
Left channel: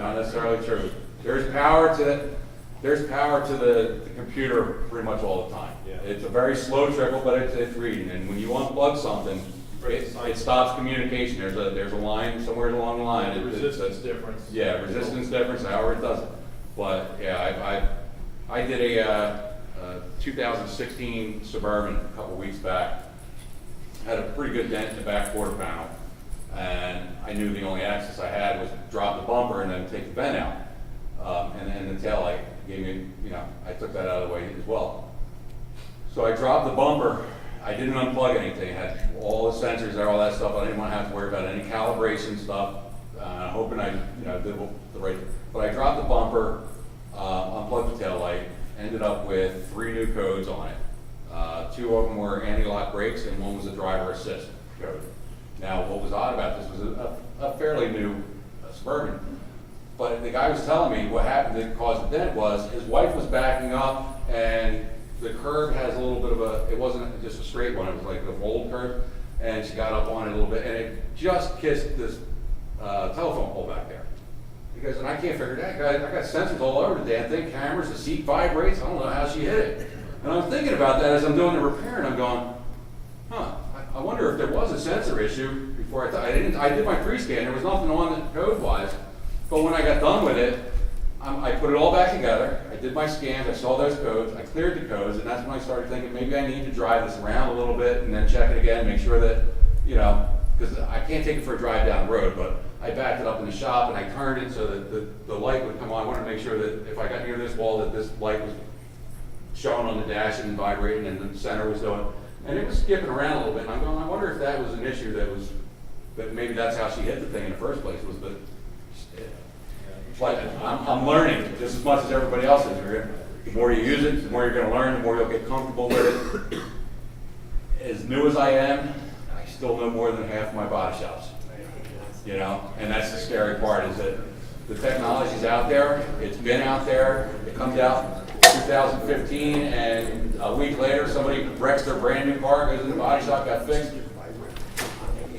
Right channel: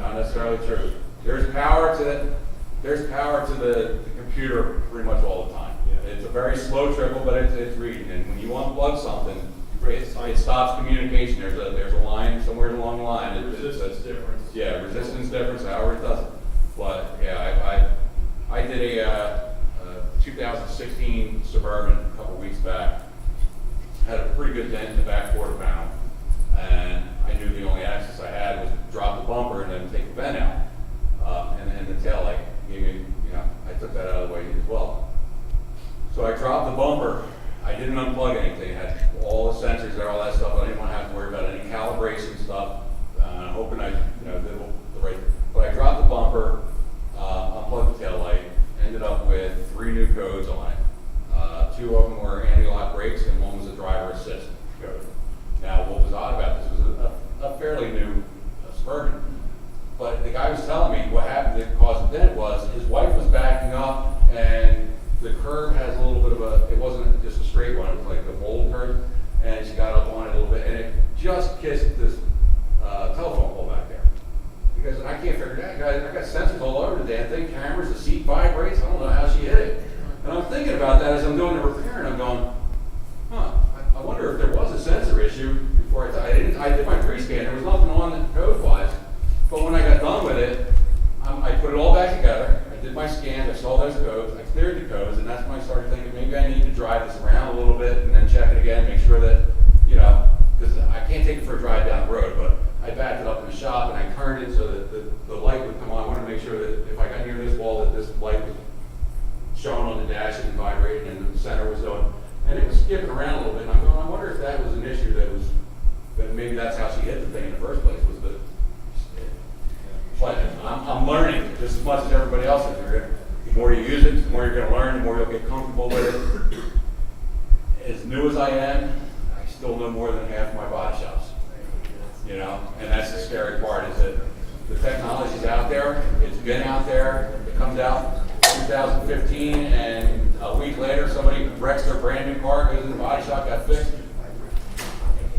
Not necessarily true. There's power to the computer pretty much all the time. Yeah. It's a very slow trickle, but it's reading. And when you unplug something, it stops communication. There's a line somewhere along the line. Resistance difference. Yeah, resistance difference, however it does it. But yeah, I did a 2016 Suburban a couple weeks back. Had a pretty good dent in the back quarter panel, and I knew the only access I had was to drop the bumper and then take the vent out. And the tail light gave me, I took that out of the way as well. So I dropped the bumper. I didn't unplug anything. It had all the sensors there, all that stuff. I didn't want to have to worry about any calibration stuff. Hoping I, did the right. But I dropped the bumper, unplugged the tail light, ended up with 3 new codes on it. 2 of them were anti-lock brakes, and 1 was a driver assist code. Now, what was odd about this was a fairly new Suburban. But the guy was telling me what happened that caused the dent was his wife was backing up, and the curb has a little bit of it wasn't just a straight one, it was like a bold curve, and she got up on it a little bit, and it just kissed this telephone pole back there. Because, and I can't figure it out, I got sensors all over the damn thing, cameras, the seat vibrates, I don't know how she hit it. And I'm thinking about that as I'm doing the repair, and I'm going, I wonder if there was a sensor issue before I did my pre-scan, there was nothing on it code-wise, but when I got done with it, I put it all back together, I did my scans, I saw those codes, I cleared the codes, and that's when I started thinking maybe I need to drive this around a little bit and then check it again, make sure that, because I can't take it for a drive down the road, but I backed it up in the shop and I turned it so that the light would come on. I wanted to make sure that if I got near this wall that this light was showing on the dash and vibrating and the center was doing. And it was skipping around a little bit, and I'm going, I wonder if that was an issue that maybe that's how she hit the thing in the first place, was the, but I'm learning just as much as everybody else is. The more you use it, the more you're gonna learn, the more you'll get comfortable with it. As new as I am, I still know more than half my body shops. You know, and that's the scary part, is that the technology's out there, it's been out there, it comes out 2015, and a week later, somebody wrecks their brand new car, goes in the body shop, got fixed.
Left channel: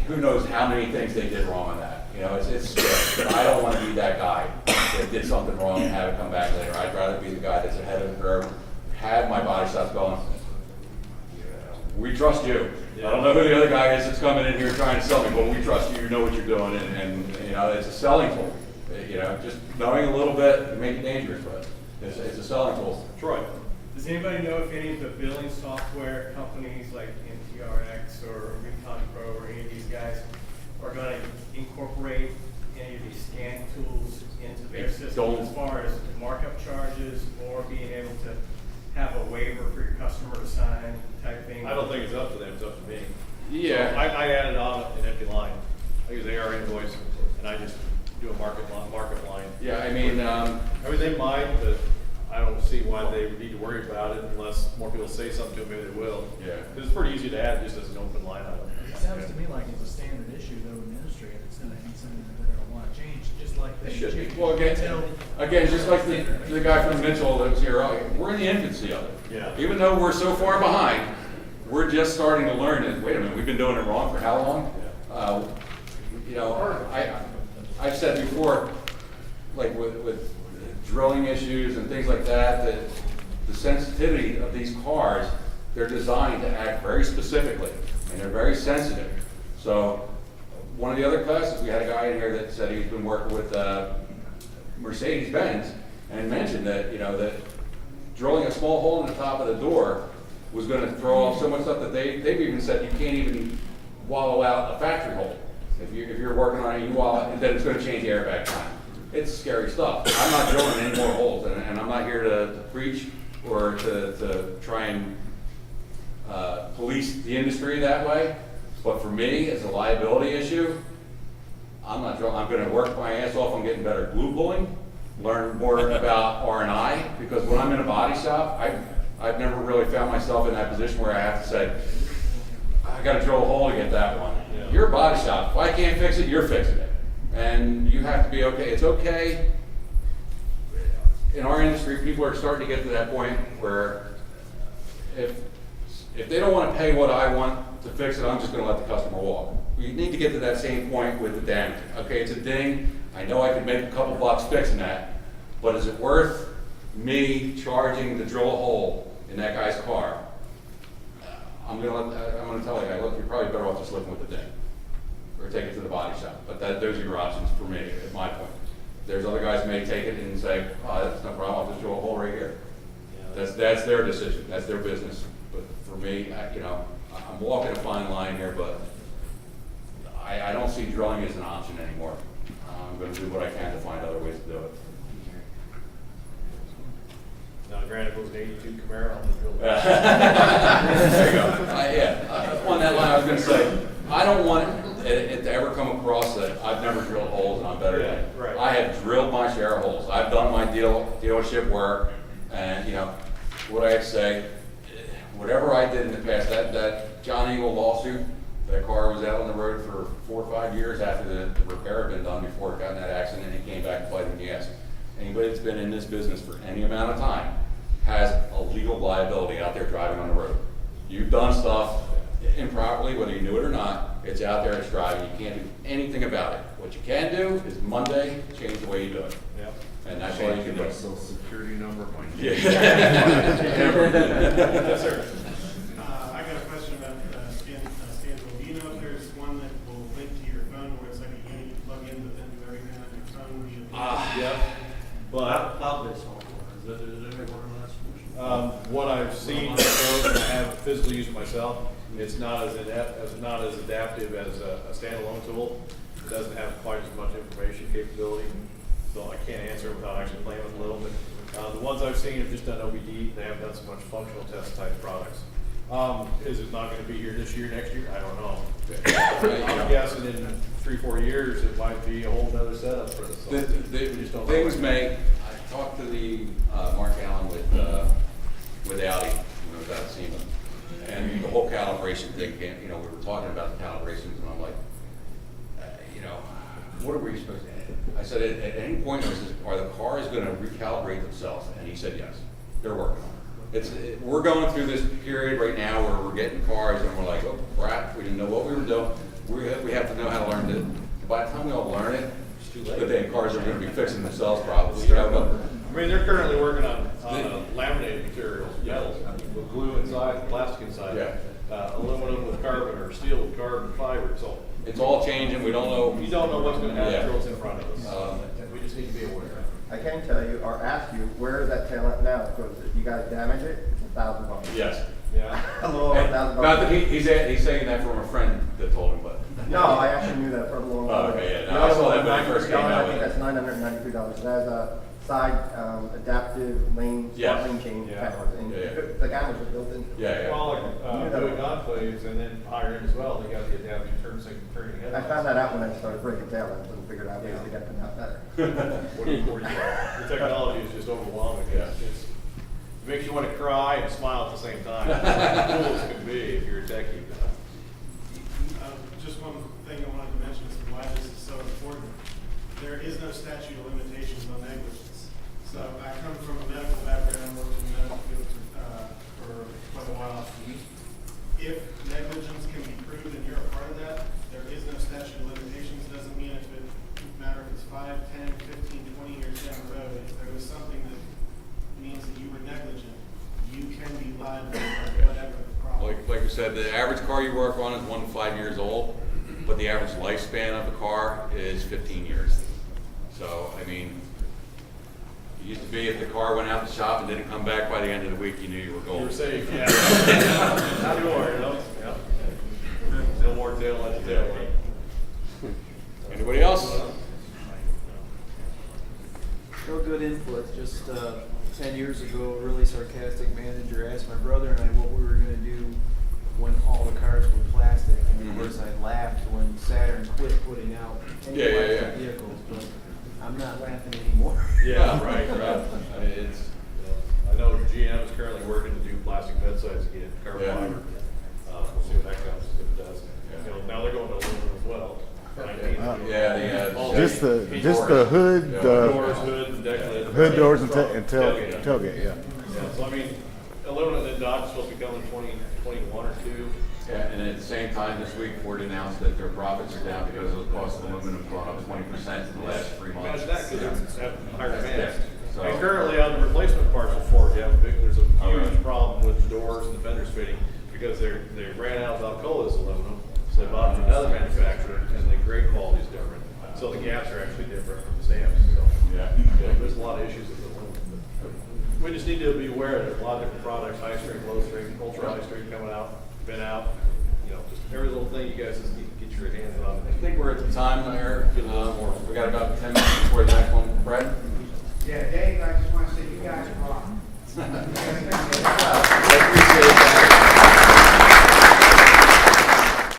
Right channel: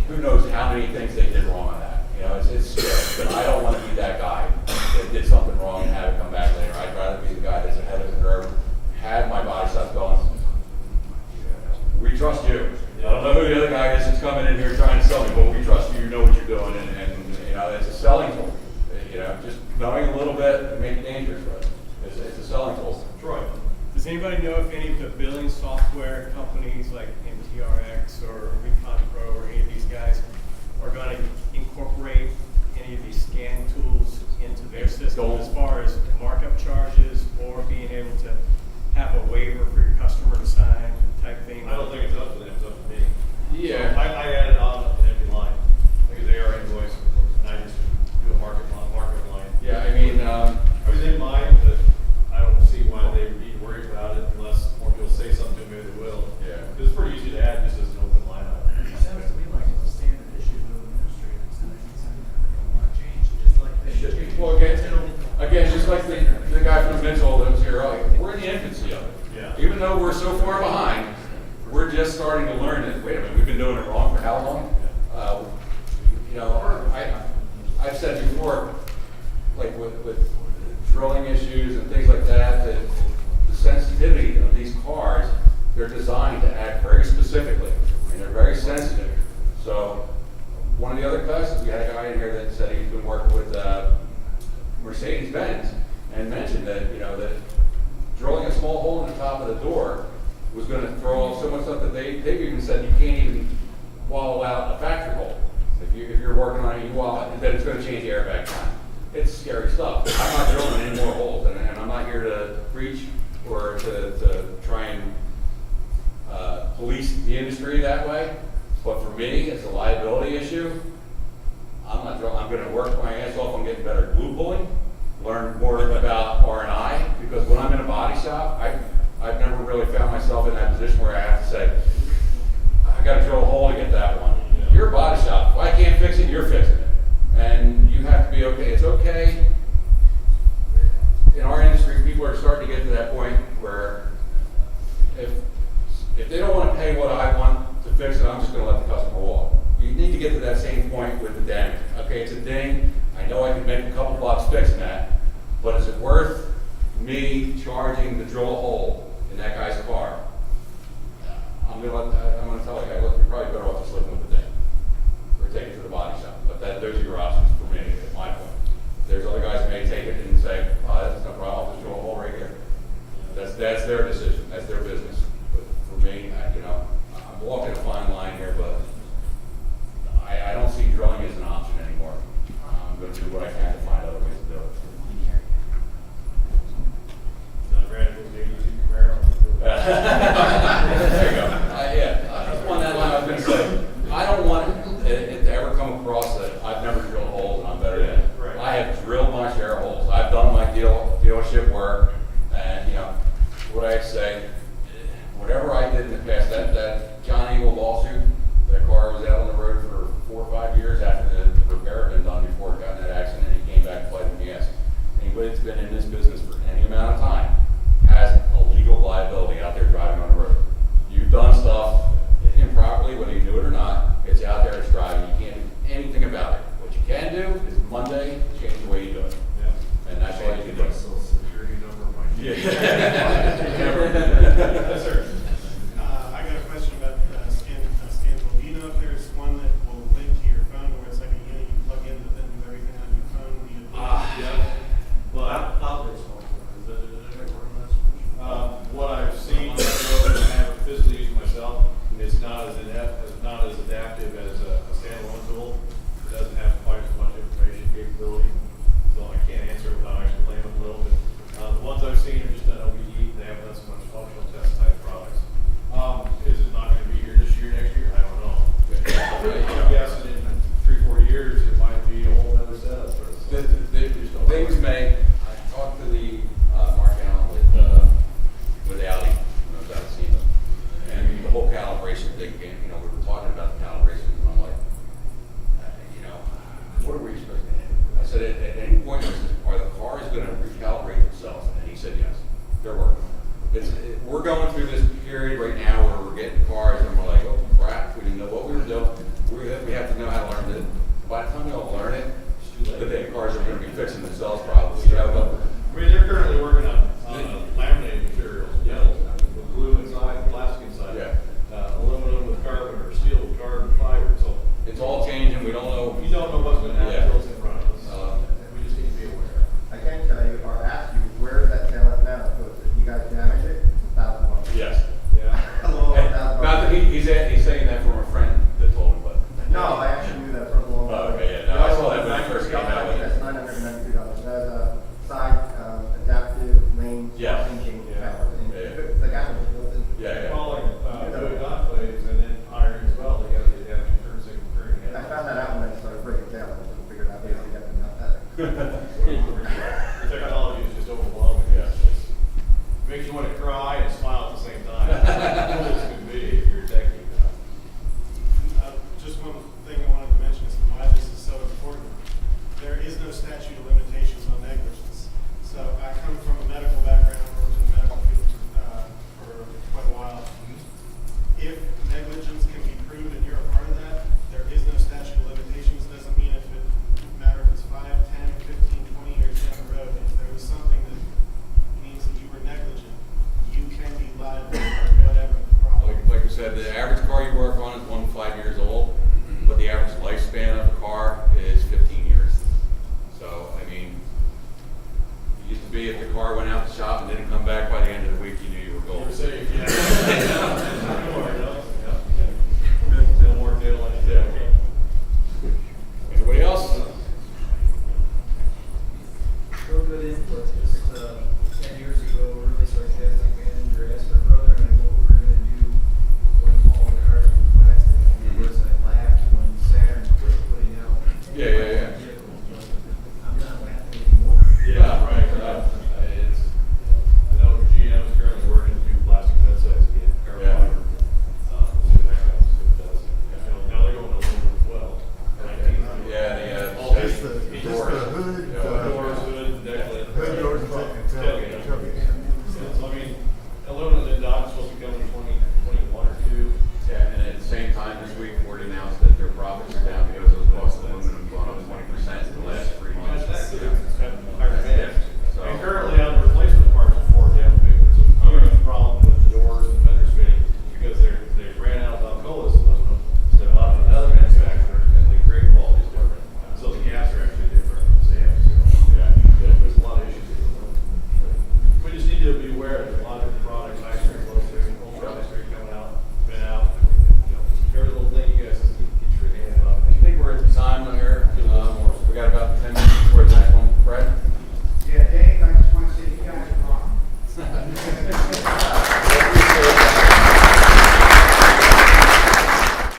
Who knows how many things they did wrong on that? You know, it's scary, but I don't want to be that guy that did something wrong and have it come back later. I'd rather be the guy that's ahead of the curve, have my body shops going, we trust you. I don't know who the other guy is that's coming in here trying to sell me, but we trust you, you know what you're doing, and you know, it's a selling tool. You know, just knowing a little bit can make it dangerous, but it's a selling tool. Troy, does anybody know if any of the billing software companies like NAPDRT or Recon Pro or any of these guys are going to incorporate any of these scan tools into their system as far as markup charges or being able to have a waiver for your customer to sign type thing? I don't think it's up to them, it's up to me. Yeah. So I added on an empty line. I use AR invoice, and I just do a market line. Yeah, I mean, Everything mine, but I don't see why they would need to worry about it unless more people say something to me, they will. Yeah. It's pretty easy to add just as an open line item. It sounds to me like it's a standard issue though in the industry, and it's gonna be something that they don't wanna change, just like they should be. change. Well, again, just like the guy from Mitchell that was here earlier, we're in the infancy of it. Yeah. Even though we're so far behind, we're just starting to learn it. Wait a minute, we've been doing it wrong for how long? You know, I've said before, like with drilling issues and things like that, that the sensitivity of these cars, they're designed to act very specifically, and they're very sensitive. So one of the other classes, we had a guy in here that said he's been working with Mercedes-Benz, and mentioned that, you know, that drilling a small hole in the top of the door was going to throw off so much stuff that they've even said you can't even wallow out a factory hole. If you're working on it, you wallow it, then it's going to change the airbag time. It's scary stuff. I'm not drilling any more holes, and I'm not here to preach or to try and police the industry that way. But for me, it's a liability issue. I'm not drilling. I'm going to work my ass off on getting better glue pulling, learn more about R&I, because when I'm in a body shop, I've never really found myself in that position where I have to say, I got to drill a hole to get that one. Yeah. You're a body shop. If I can't fix it, you're fixing it. And you have to be okay. It's okay. In our industry, people are starting to get to that point where if they don't want to pay what I want to fix it, I'm just going to let the customer walk. We need to get to that same point with the damage. Okay, it's a ding. I know I can make a couple bucks fixing that, but is it worth me charging to drill a hole in that guy's car? I'm going to tell the guy, look, you're probably better off just living with the ding, or take it to the body shop. But those are your options for me at my point. There's other guys who may take it and say, oh, that's no problem, I'll just drill a hole right here. That's their decision, that's their business. But for me, I'm walking a fine line here, but I don't see drilling as an option anymore. I'm going to do what I can to find other ways to do it. Now, granted, it was an 82 Camaro. There you go. On that line, I was going to say, I don't want it to ever come across that I've never drilled holes and I'm better than it. Right. I have drilled my share of holes. I've done my dealership work, and what I say, whatever I did in the past, that John Eagle lawsuit, that car was out on the road for 4 or 5 years after the repair had been done before it got in that accident, and he came back and played in the ass. Anybody that's been in this business for any amount of time has a legal liability out there driving on the road. You've done stuff improperly, whether you knew it or not, it's out there, it's driving, you can't do anything about it. What you can do is Monday, change the way you do it. Yep. And that's all you can do. Social security number, Yeah. Yes, sir. I got a question about Stanville. Do you know if there's one that will link to your phone where it's like a unit you plug in, but then do everything on your phone via Yeah. But what I've seen, and I haven't physically used it myself, it's not as adaptive as a standalone tool. It doesn't have quite as much information capability, so I can't answer it without actually playing with it a little bit. The ones I've seen have just done OBD. They haven't done so much functional test type products. Is it not going to calibration thing came, you know, we were talking about the calibrations, and I'm like, you know, what are we supposed to do? I said, at any point, I said, are the cars gonna recalibrate themselves? And he said, yes, they're working on it. We're going through this period right now where we're getting cars, and we're like, oh crap, we didn't know what we were doing. We have to know how to learn it. By the time we all learn it, the day cars are gonna be fixing themselves probably, you know, but I mean, they're currently working on laminated materials, metals, with glue inside, plastic inside. Yeah. Aluminum with carbon, or steel with carbon fiber, so. it's all changing, we don't know. You don't know what's gonna happen Yeah. until it's in front of us. We just need to be aware. I can tell you, or ask you, where is that tail at now? Because if you guys damage it, it's $1,000. Yes. Yeah. A little over And $1,000. not that he's saying that from a friend that told him, but. No, I actually knew that for a long time. Oh, okay, yeah, no, I saw that when I first came out I with think it. that's $993. It has a side adaptive lane, Yeah. lane change Yeah. cameras, and Yeah, yeah. the cameras are built in. Yeah, Well, Yeah. like, doing enclaves and then iron as well, they got the adaptive turn signal turning I headlights. found that out when I started breaking tail lamps and figured out ways to get them out better. The technology is just overwhelming. Yeah. It makes you want to cry and smile at the same time. Cool as can be if you're a techie. Just one thing I wanted to mention is why this is so important. There is no statute of limitations on negligence. So I come from a medical background, worked in the medical field for quite a while. If negligence can be proved and you're a part of that, there is no statute of limitations. Doesn't mean if it matter if it's 5, 10, 15, 20 years down the road. If there was something that means that you were negligent, you can be liable for whatever the problem. Like we said, the average car you work on is 1 to 5 years old, but the average lifespan of a car is 15 years. So, I mean, it used to be if the car went out to shop and didn't come back by the end of the week, you knew you were You golden. were safe, yeah. Sure, no more tail like tail. Anybody else? No good input, just, 10 years ago, a really sarcastic manager asked my brother and I what we were gonna do when all the cars were plastic. And of course, I laughed when Saturn quit putting out any Yeah, yeah, electric yeah. vehicles, but I'm not laughing anymore. Yeah, right. I know GM is currently working to do plastic bed sides again, carbon Yeah. fiber. We'll see what that comes, if it does. You know, now they're going to aluminum as well. Yeah, All Just the hood, Yeah. doors, hood, and deck lid. hood doors and tailgate, yeah. Yeah, so I mean, aluminum and dock is supposed to be coming in 2021 or 2. Yeah, and at the same time, this week, Ford announced that their profits are down because of the cost of aluminum going up 20% in the last 3 months. That's that, because it's have higher demand. So- And currently on the replacement parts of Ford, there's a huge problem with the doors and the fenders fitting, because they ran out of Alcola's aluminum, so they bought from another manufacturer, and the grade quality is different. So the gaps are actually